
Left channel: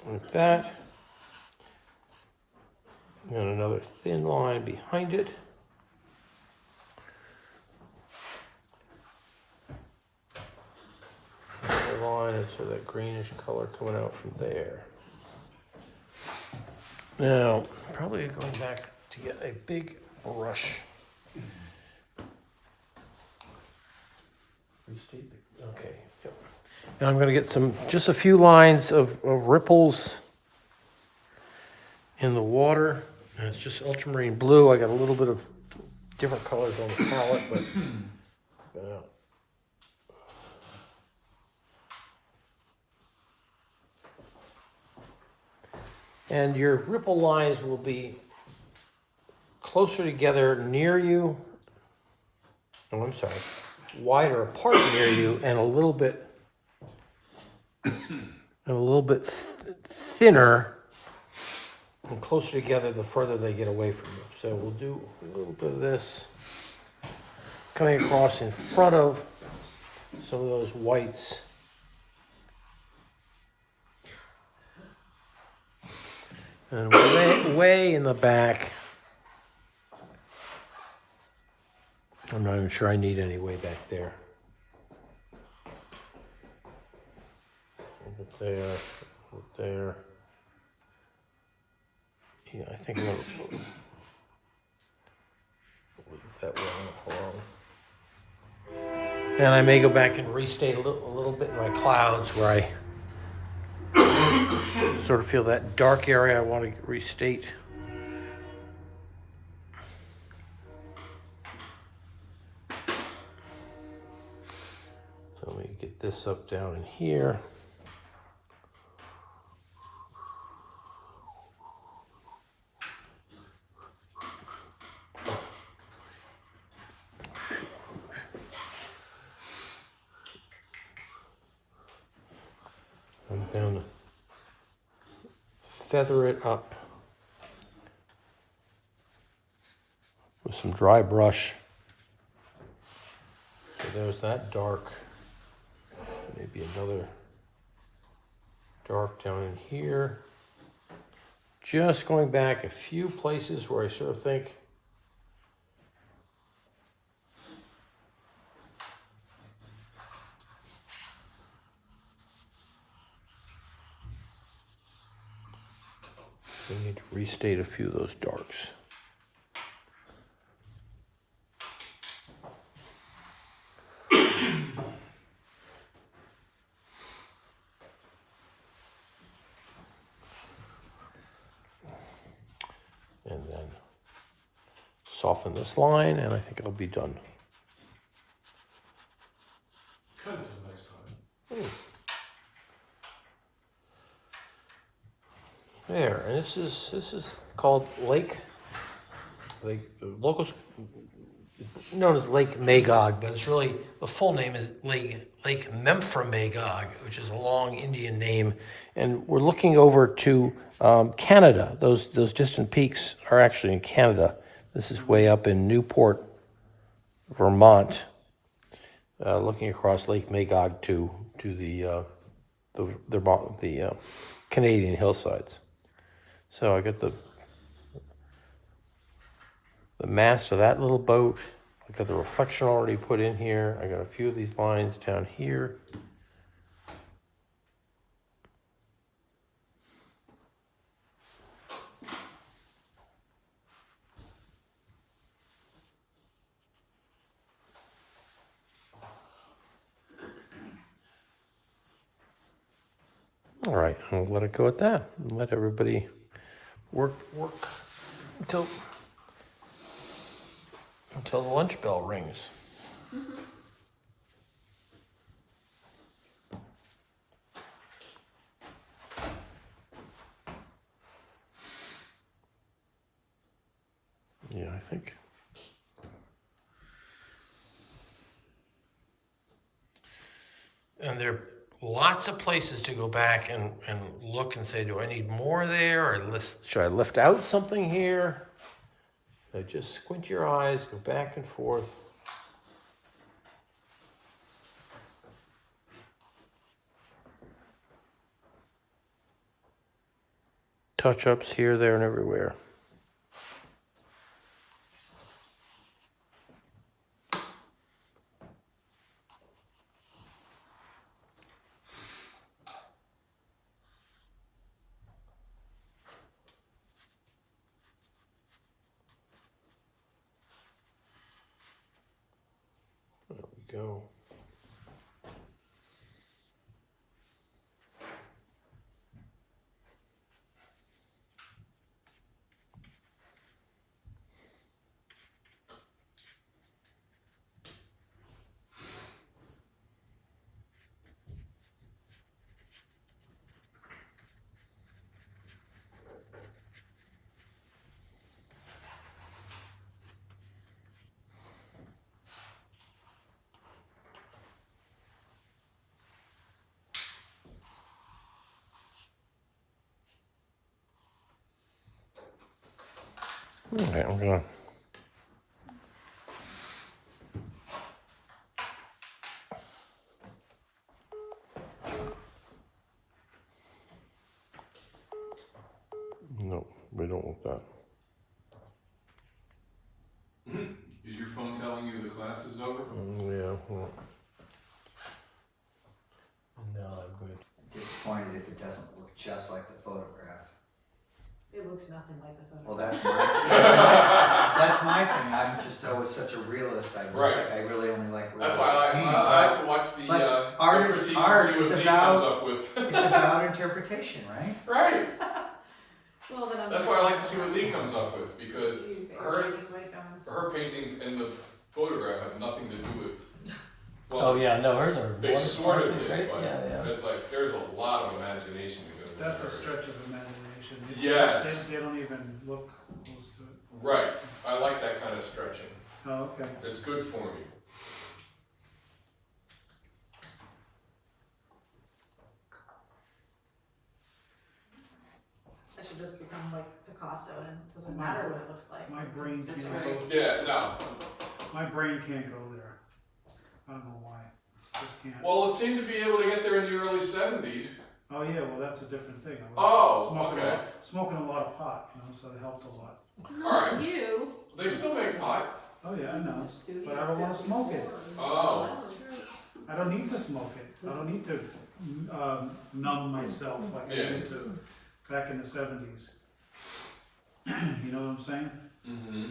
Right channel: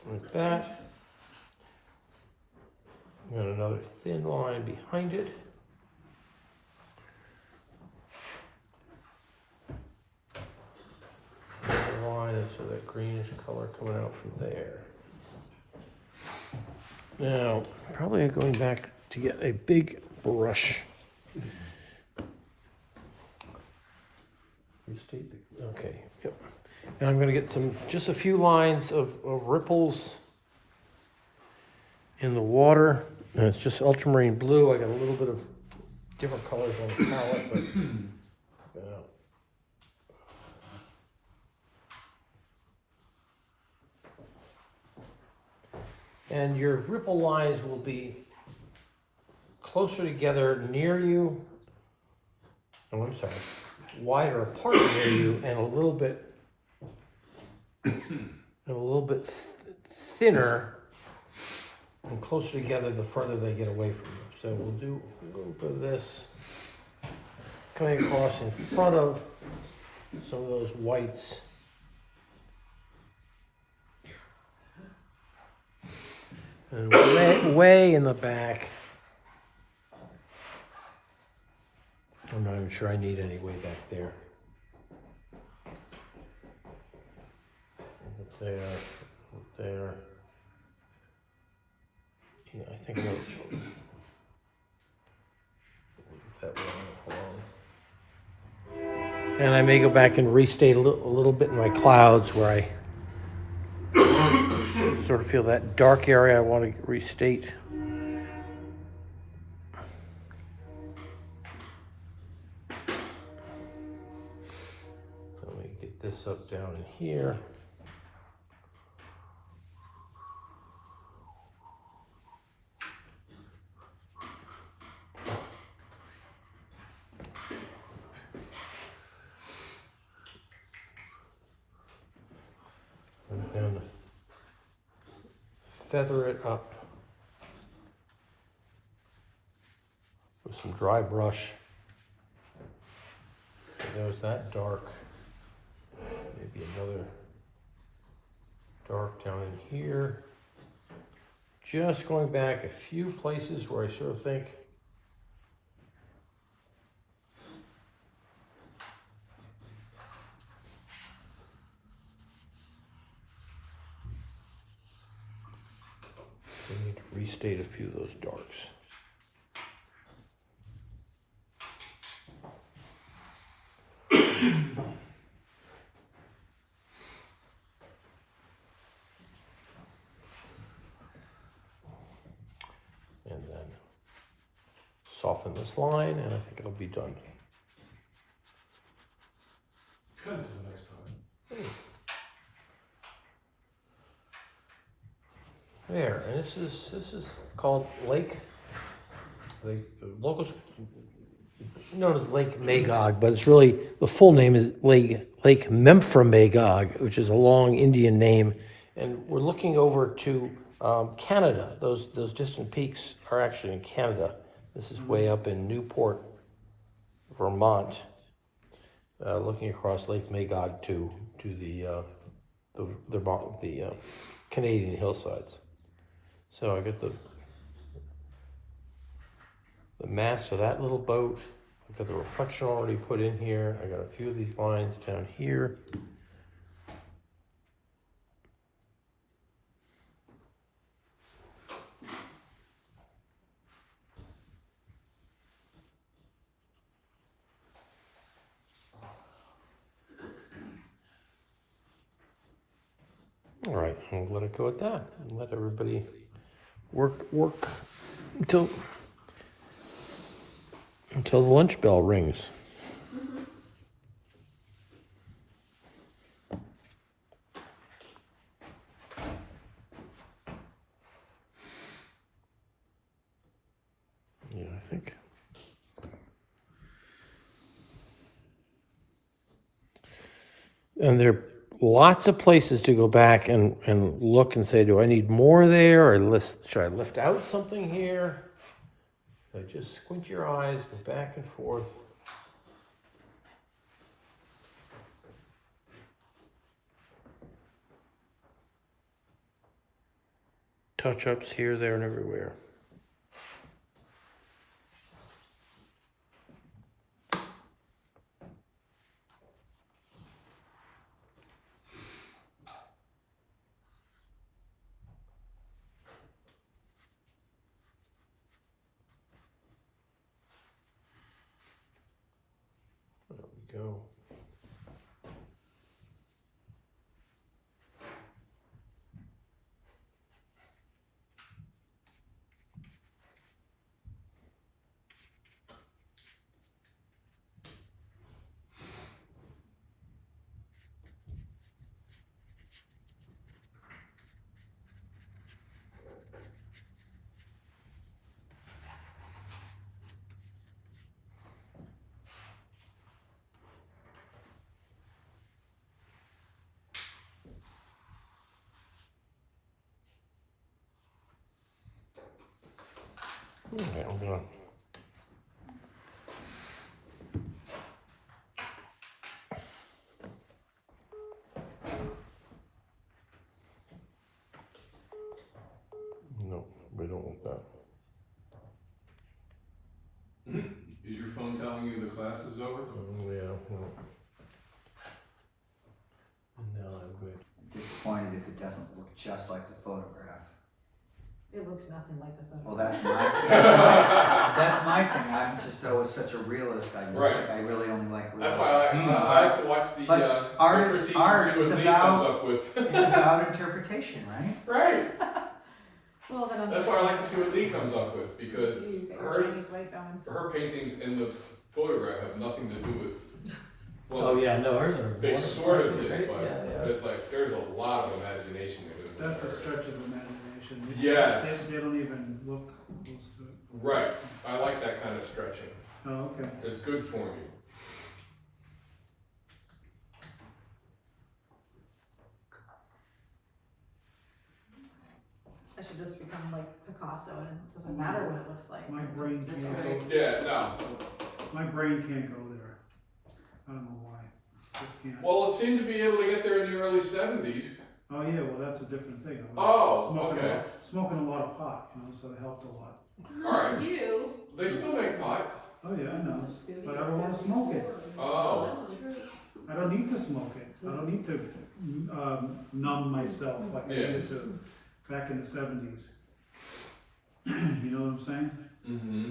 like that, and another thin line behind it. Another line, so that greenish color coming out from there. Now, probably going back to get a big brush. Okay. Yep. Now I'm going to get just a few lines of ripples in the water. And it's just ultramarine blue. I got a little bit of different colors on the palette, but and your ripple lines will be closer together near you. Oh, I'm sorry. Wider apart near you, and a little bit thinner and closer together the further they get away from you. So we'll do a little bit of this coming across in front of some of those whites. And way in the back, I'm not even sure I need any way back there. There. Yeah, I think I'm gonna leave that alone. And I may go back and restate a little bit in my clouds where I sort of feel that dark area I want to restate. So let me get this up down in here. And feather it up with some dry brush. So there's that dark. Maybe another dark down in here. Just going back a few places where I sort of think we need to restate a few of those darks. And then soften this line, and I think it'll be done. Cut until next time. There, and this is called Lake. The locals it's known as Lake Magog, but it's really the full name is Lake Memphremagog, which is a long Indian name. And we're looking over to Canada. Those distant peaks are actually in Canada. This is way up in Newport, Vermont, looking across Lake Magog to the Canadian hillsides. So I got the mast of that little boat. I got the reflection already put in here. I got a few of these lines down here. All right, I'll let it go at that. And let everybody work until the lunch bell rings. Yeah, I think. And they're lots of places to go back and look and say, do I need more there, or should I lift out something here? So just squint your eyes, go back and forth. Touch-ups here, there, and everywhere. There we go. Okay, I'm gonna. No, we don't want that. Is your phone telling you the class is over? Yeah. Well. No, I'm good. Disappointed if it doesn't look just like the photograph. It looks nothing like the photo. Well, that's my thing. I'm just always such a realist. I really only like realistic That's why I painting. like to watch the But art is critiques art. and see It's what Lee comes about up with. it's about interpretation, right? Right. Well, then I'm That's why I like to see what Lee comes up with, because her Chinese white gum. paintings in the photograph have nothing to do with. Well, Oh yeah, no, hers are. they sort of did, right? but Yeah. it's like there's a lot of imagination that goes into That's a her. stretch of imagination. Yes. They don't even look close to it. Right. I like that kind of stretching. Oh, okay. It's good for me. I should just become like Picasso and it doesn't matter what it looks like. My brain Just can't right. go. Yeah, no. My brain can't go there. I don't know why. Just can't. Well, it seemed to be able to get there in the early 70s. Oh yeah, well that's a different thing. I Oh, smoking okay. smoking a lot of pot, you know, so it helped a lot. Alright. You. They still make pot. Oh yeah, I know, but I don't want to smoke it. Oh. I don't need to smoke it. I don't need to numb myself like I Yeah. did to back in the 70s. You know what I'm saying? Mm-hmm.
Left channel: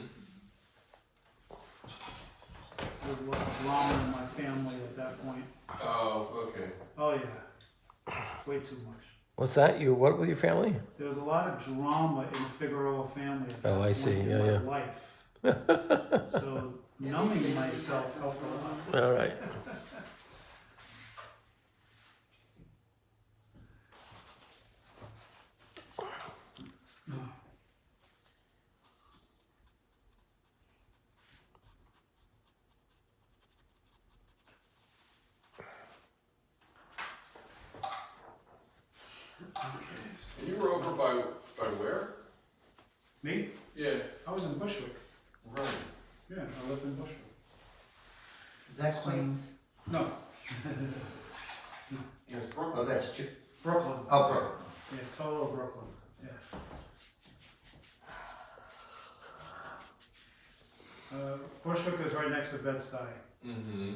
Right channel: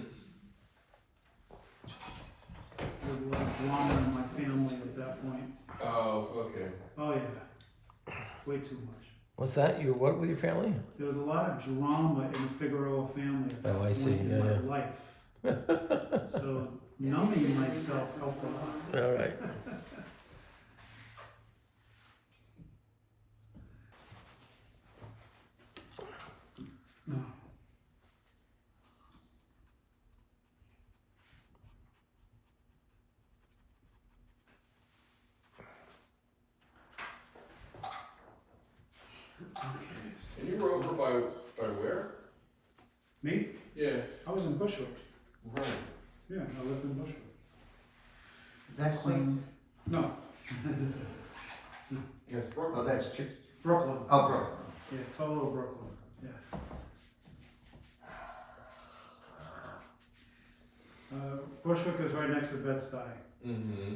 There was a lot of drama in my family at that point. Oh, okay. Oh yeah, way too much. What's that? You what with your family? There was a lot of drama in the Figueroa family at that Oh, I point see. in Yeah, my life. So numbing myself helped a lot. All right. And you were over by where? Me? Yeah. I was in Bushwick. Right. Yeah, I lived in Bushwick. Is that Queens? No, Yes, Brooklyn. Oh, that's Brooklyn. Oh, Brooklyn. Yeah, total Brooklyn. Yeah. Bushwick is right next to Bed-Stuy. Mm-hmm.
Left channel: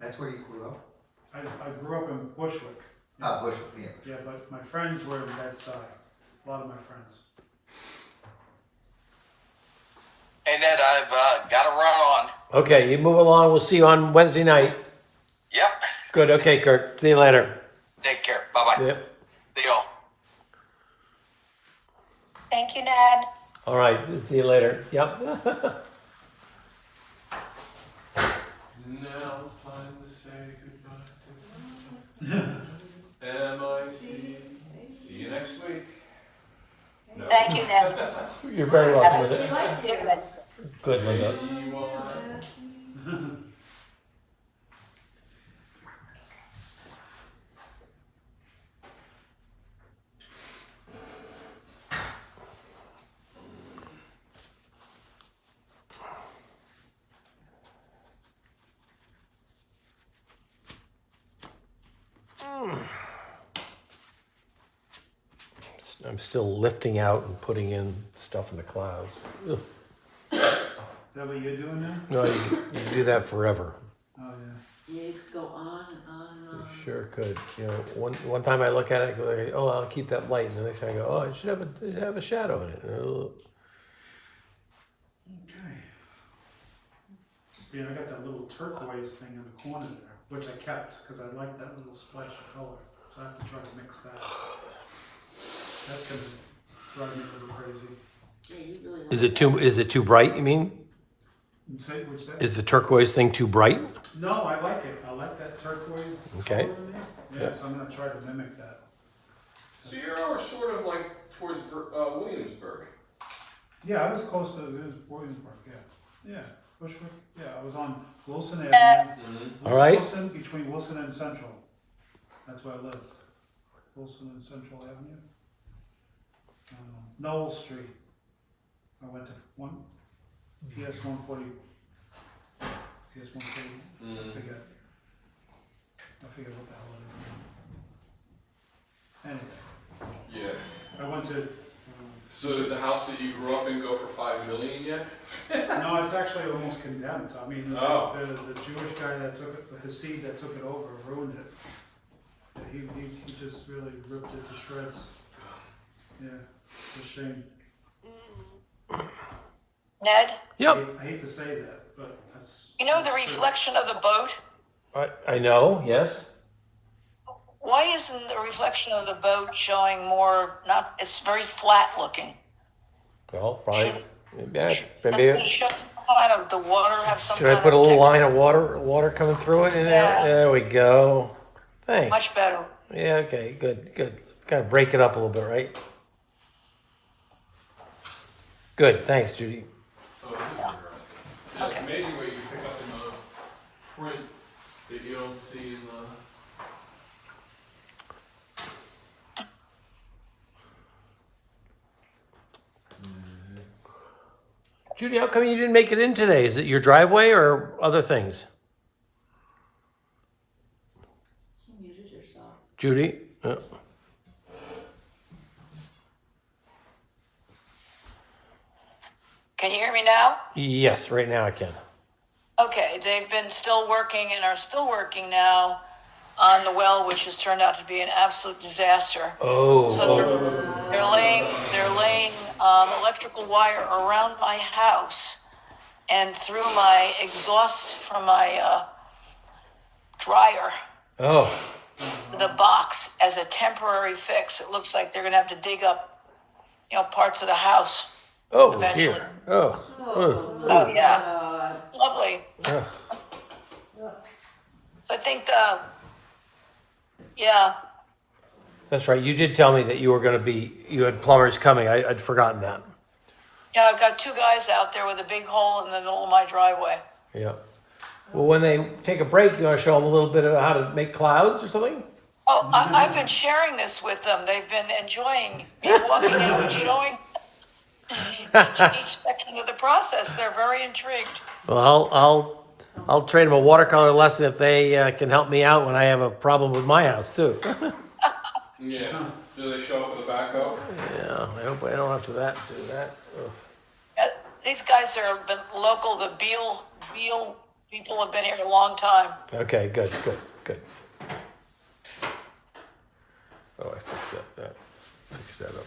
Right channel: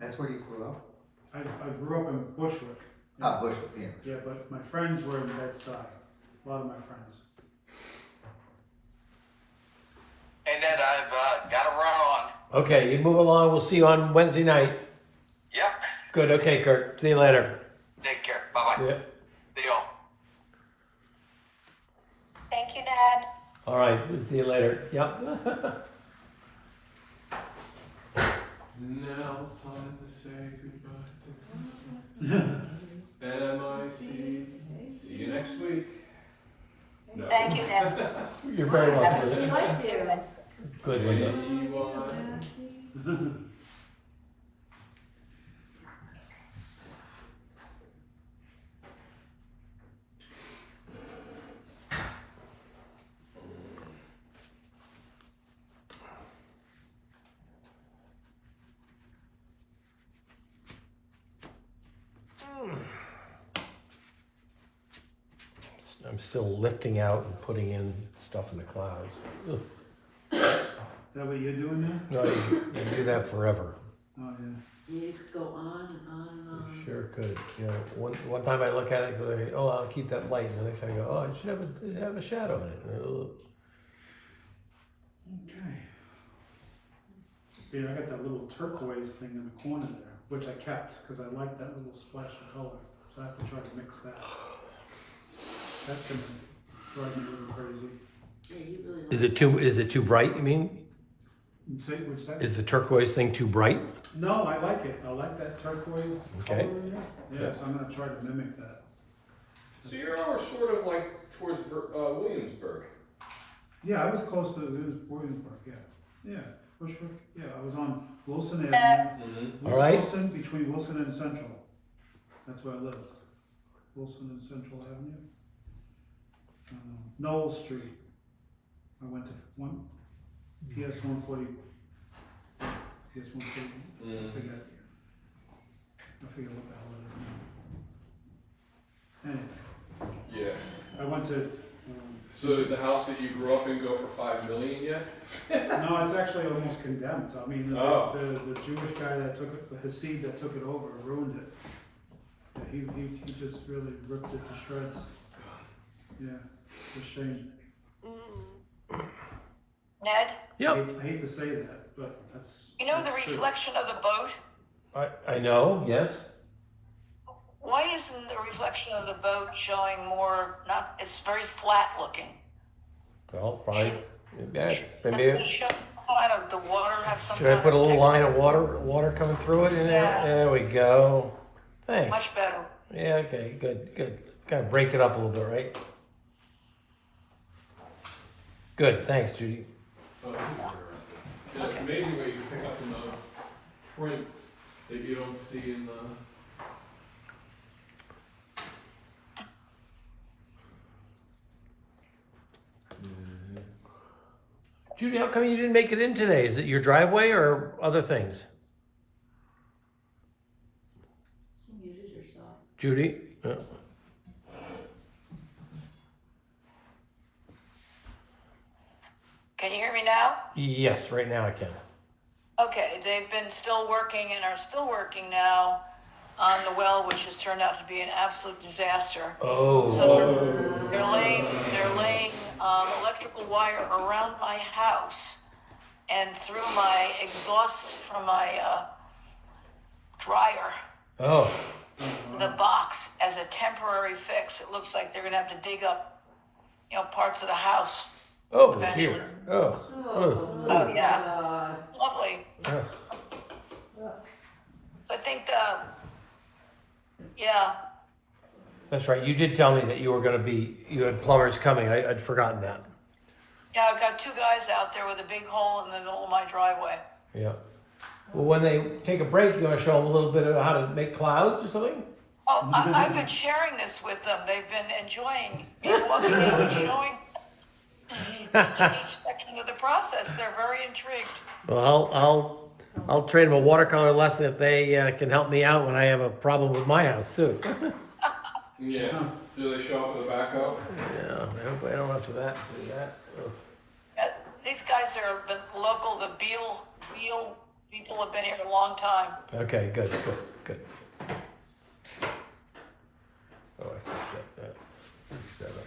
That's where you grew up? I grew up in Bushwick. Ah, Bushwick, yeah. Yeah, but my friends were in Bed-Stuy. A lot of my friends. Hey Ned, I've got to run on. Okay, you move along. We'll see you on Wednesday night. Yep. Good. Okay, Kurt. See you later. Take care. Bye-bye. Yep. See y'all. Thank you, Ned. All right. See you later. Yep. Now it's time to say goodbye. M-I-C. See you next week. No. Thank you, Ned. You're very welcome. Have a Linda. good night. Good, Linda. A-Y. I'm still lifting out and putting in stuff in the clouds. Ugh. Is that what you're doing now? No, you do that forever. Oh, yeah. Yeah, you could go on and on and on. You sure could. You know, one time I look at it, go, oh, I'll keep that light, and the next time I go, oh, it should have a shadow in it. Ugh. Okay. See, I got that little turquoise thing in the corner there, which I kept because I like that little splash of color. So I have to try to mix that. That's gonna drive me a little crazy. Yeah, you really like Is it too bright? You mean? Say, which that? Is the turquoise thing too bright? No, I like it. I like that turquoise Okay. color in there. Yeah, so I'm gonna try to mimic that. So you're over sort of like towards Williamsburg. Yeah, I was close to Williamsburg. Yeah, yeah, Bushwick. Yeah, I was on Wilson Avenue. All right. Wilson, between Wilson and Central. That's where I lived. Wilson and Central Avenue. Knoll Street. I went to PS 140. PS 140. I forget what the hell it is now. Anyway, Yeah. I went to. So did the house that you grew up in go for $5 million yet? No, it's actually almost condemned. I mean, the Jewish guy that took it, the Hasid that took it over, ruined it. Yeah, he just really ripped it to shreds. Yeah, it's a shame. Ned, Yep. I hate to say that, but that's. you know the that's true. reflection of the boat? I know. Yes. Why isn't the reflection of the boat showing more, not, it's very flat looking. Well, probably. Yeah. Doesn't Maybe. it show some kind of, the water have some Should I kind put a of little texture? line of water coming through it? Yeah. There we go. Thanks. Much better. Yeah. Okay. Good. Kind of break it up a little bit, right? Good. Thanks, Judy. Oh, this is interesting. Yeah, it's amazing what you pick up in the print that you don't see in the. Judy, how come you didn't make it in today? Is it your driveway or other things? She muted herself. Judy? Can you hear me now? Yes, right now I can. Okay, they've been still working and are still working now on the well, which has turned out to be an absolute disaster. Oh. So they're laying electrical wire around my house and through my exhaust from my dryer. Oh. The box as a temporary fix. It looks like they're gonna have to dig up, parts of the house. Oh, Eventually. here. Oh. Oh, my Oh, yeah. God. Lovely. Oh. So I think yeah. That's right. You did tell me that you had plumbers coming. I'd forgotten that. Yeah, I've got two guys out there with a big hole in the middle of my driveway. Yeah. Well, when they take a break, you want to show them a little bit of how to make clouds or something? Oh, I've been sharing this with them. They've been enjoying me walking in and showing each section of the process. They're very intrigued. Well, I'll trade them a watercolor lesson if they can help me out when I have a problem with my house too. Yeah. Do they show up with a backhoe? Yeah. I hope I don't have to do that. These guys are been local. The Beal people have been here a long time. Okay. Good. Oh, I fixed that. Fix that up.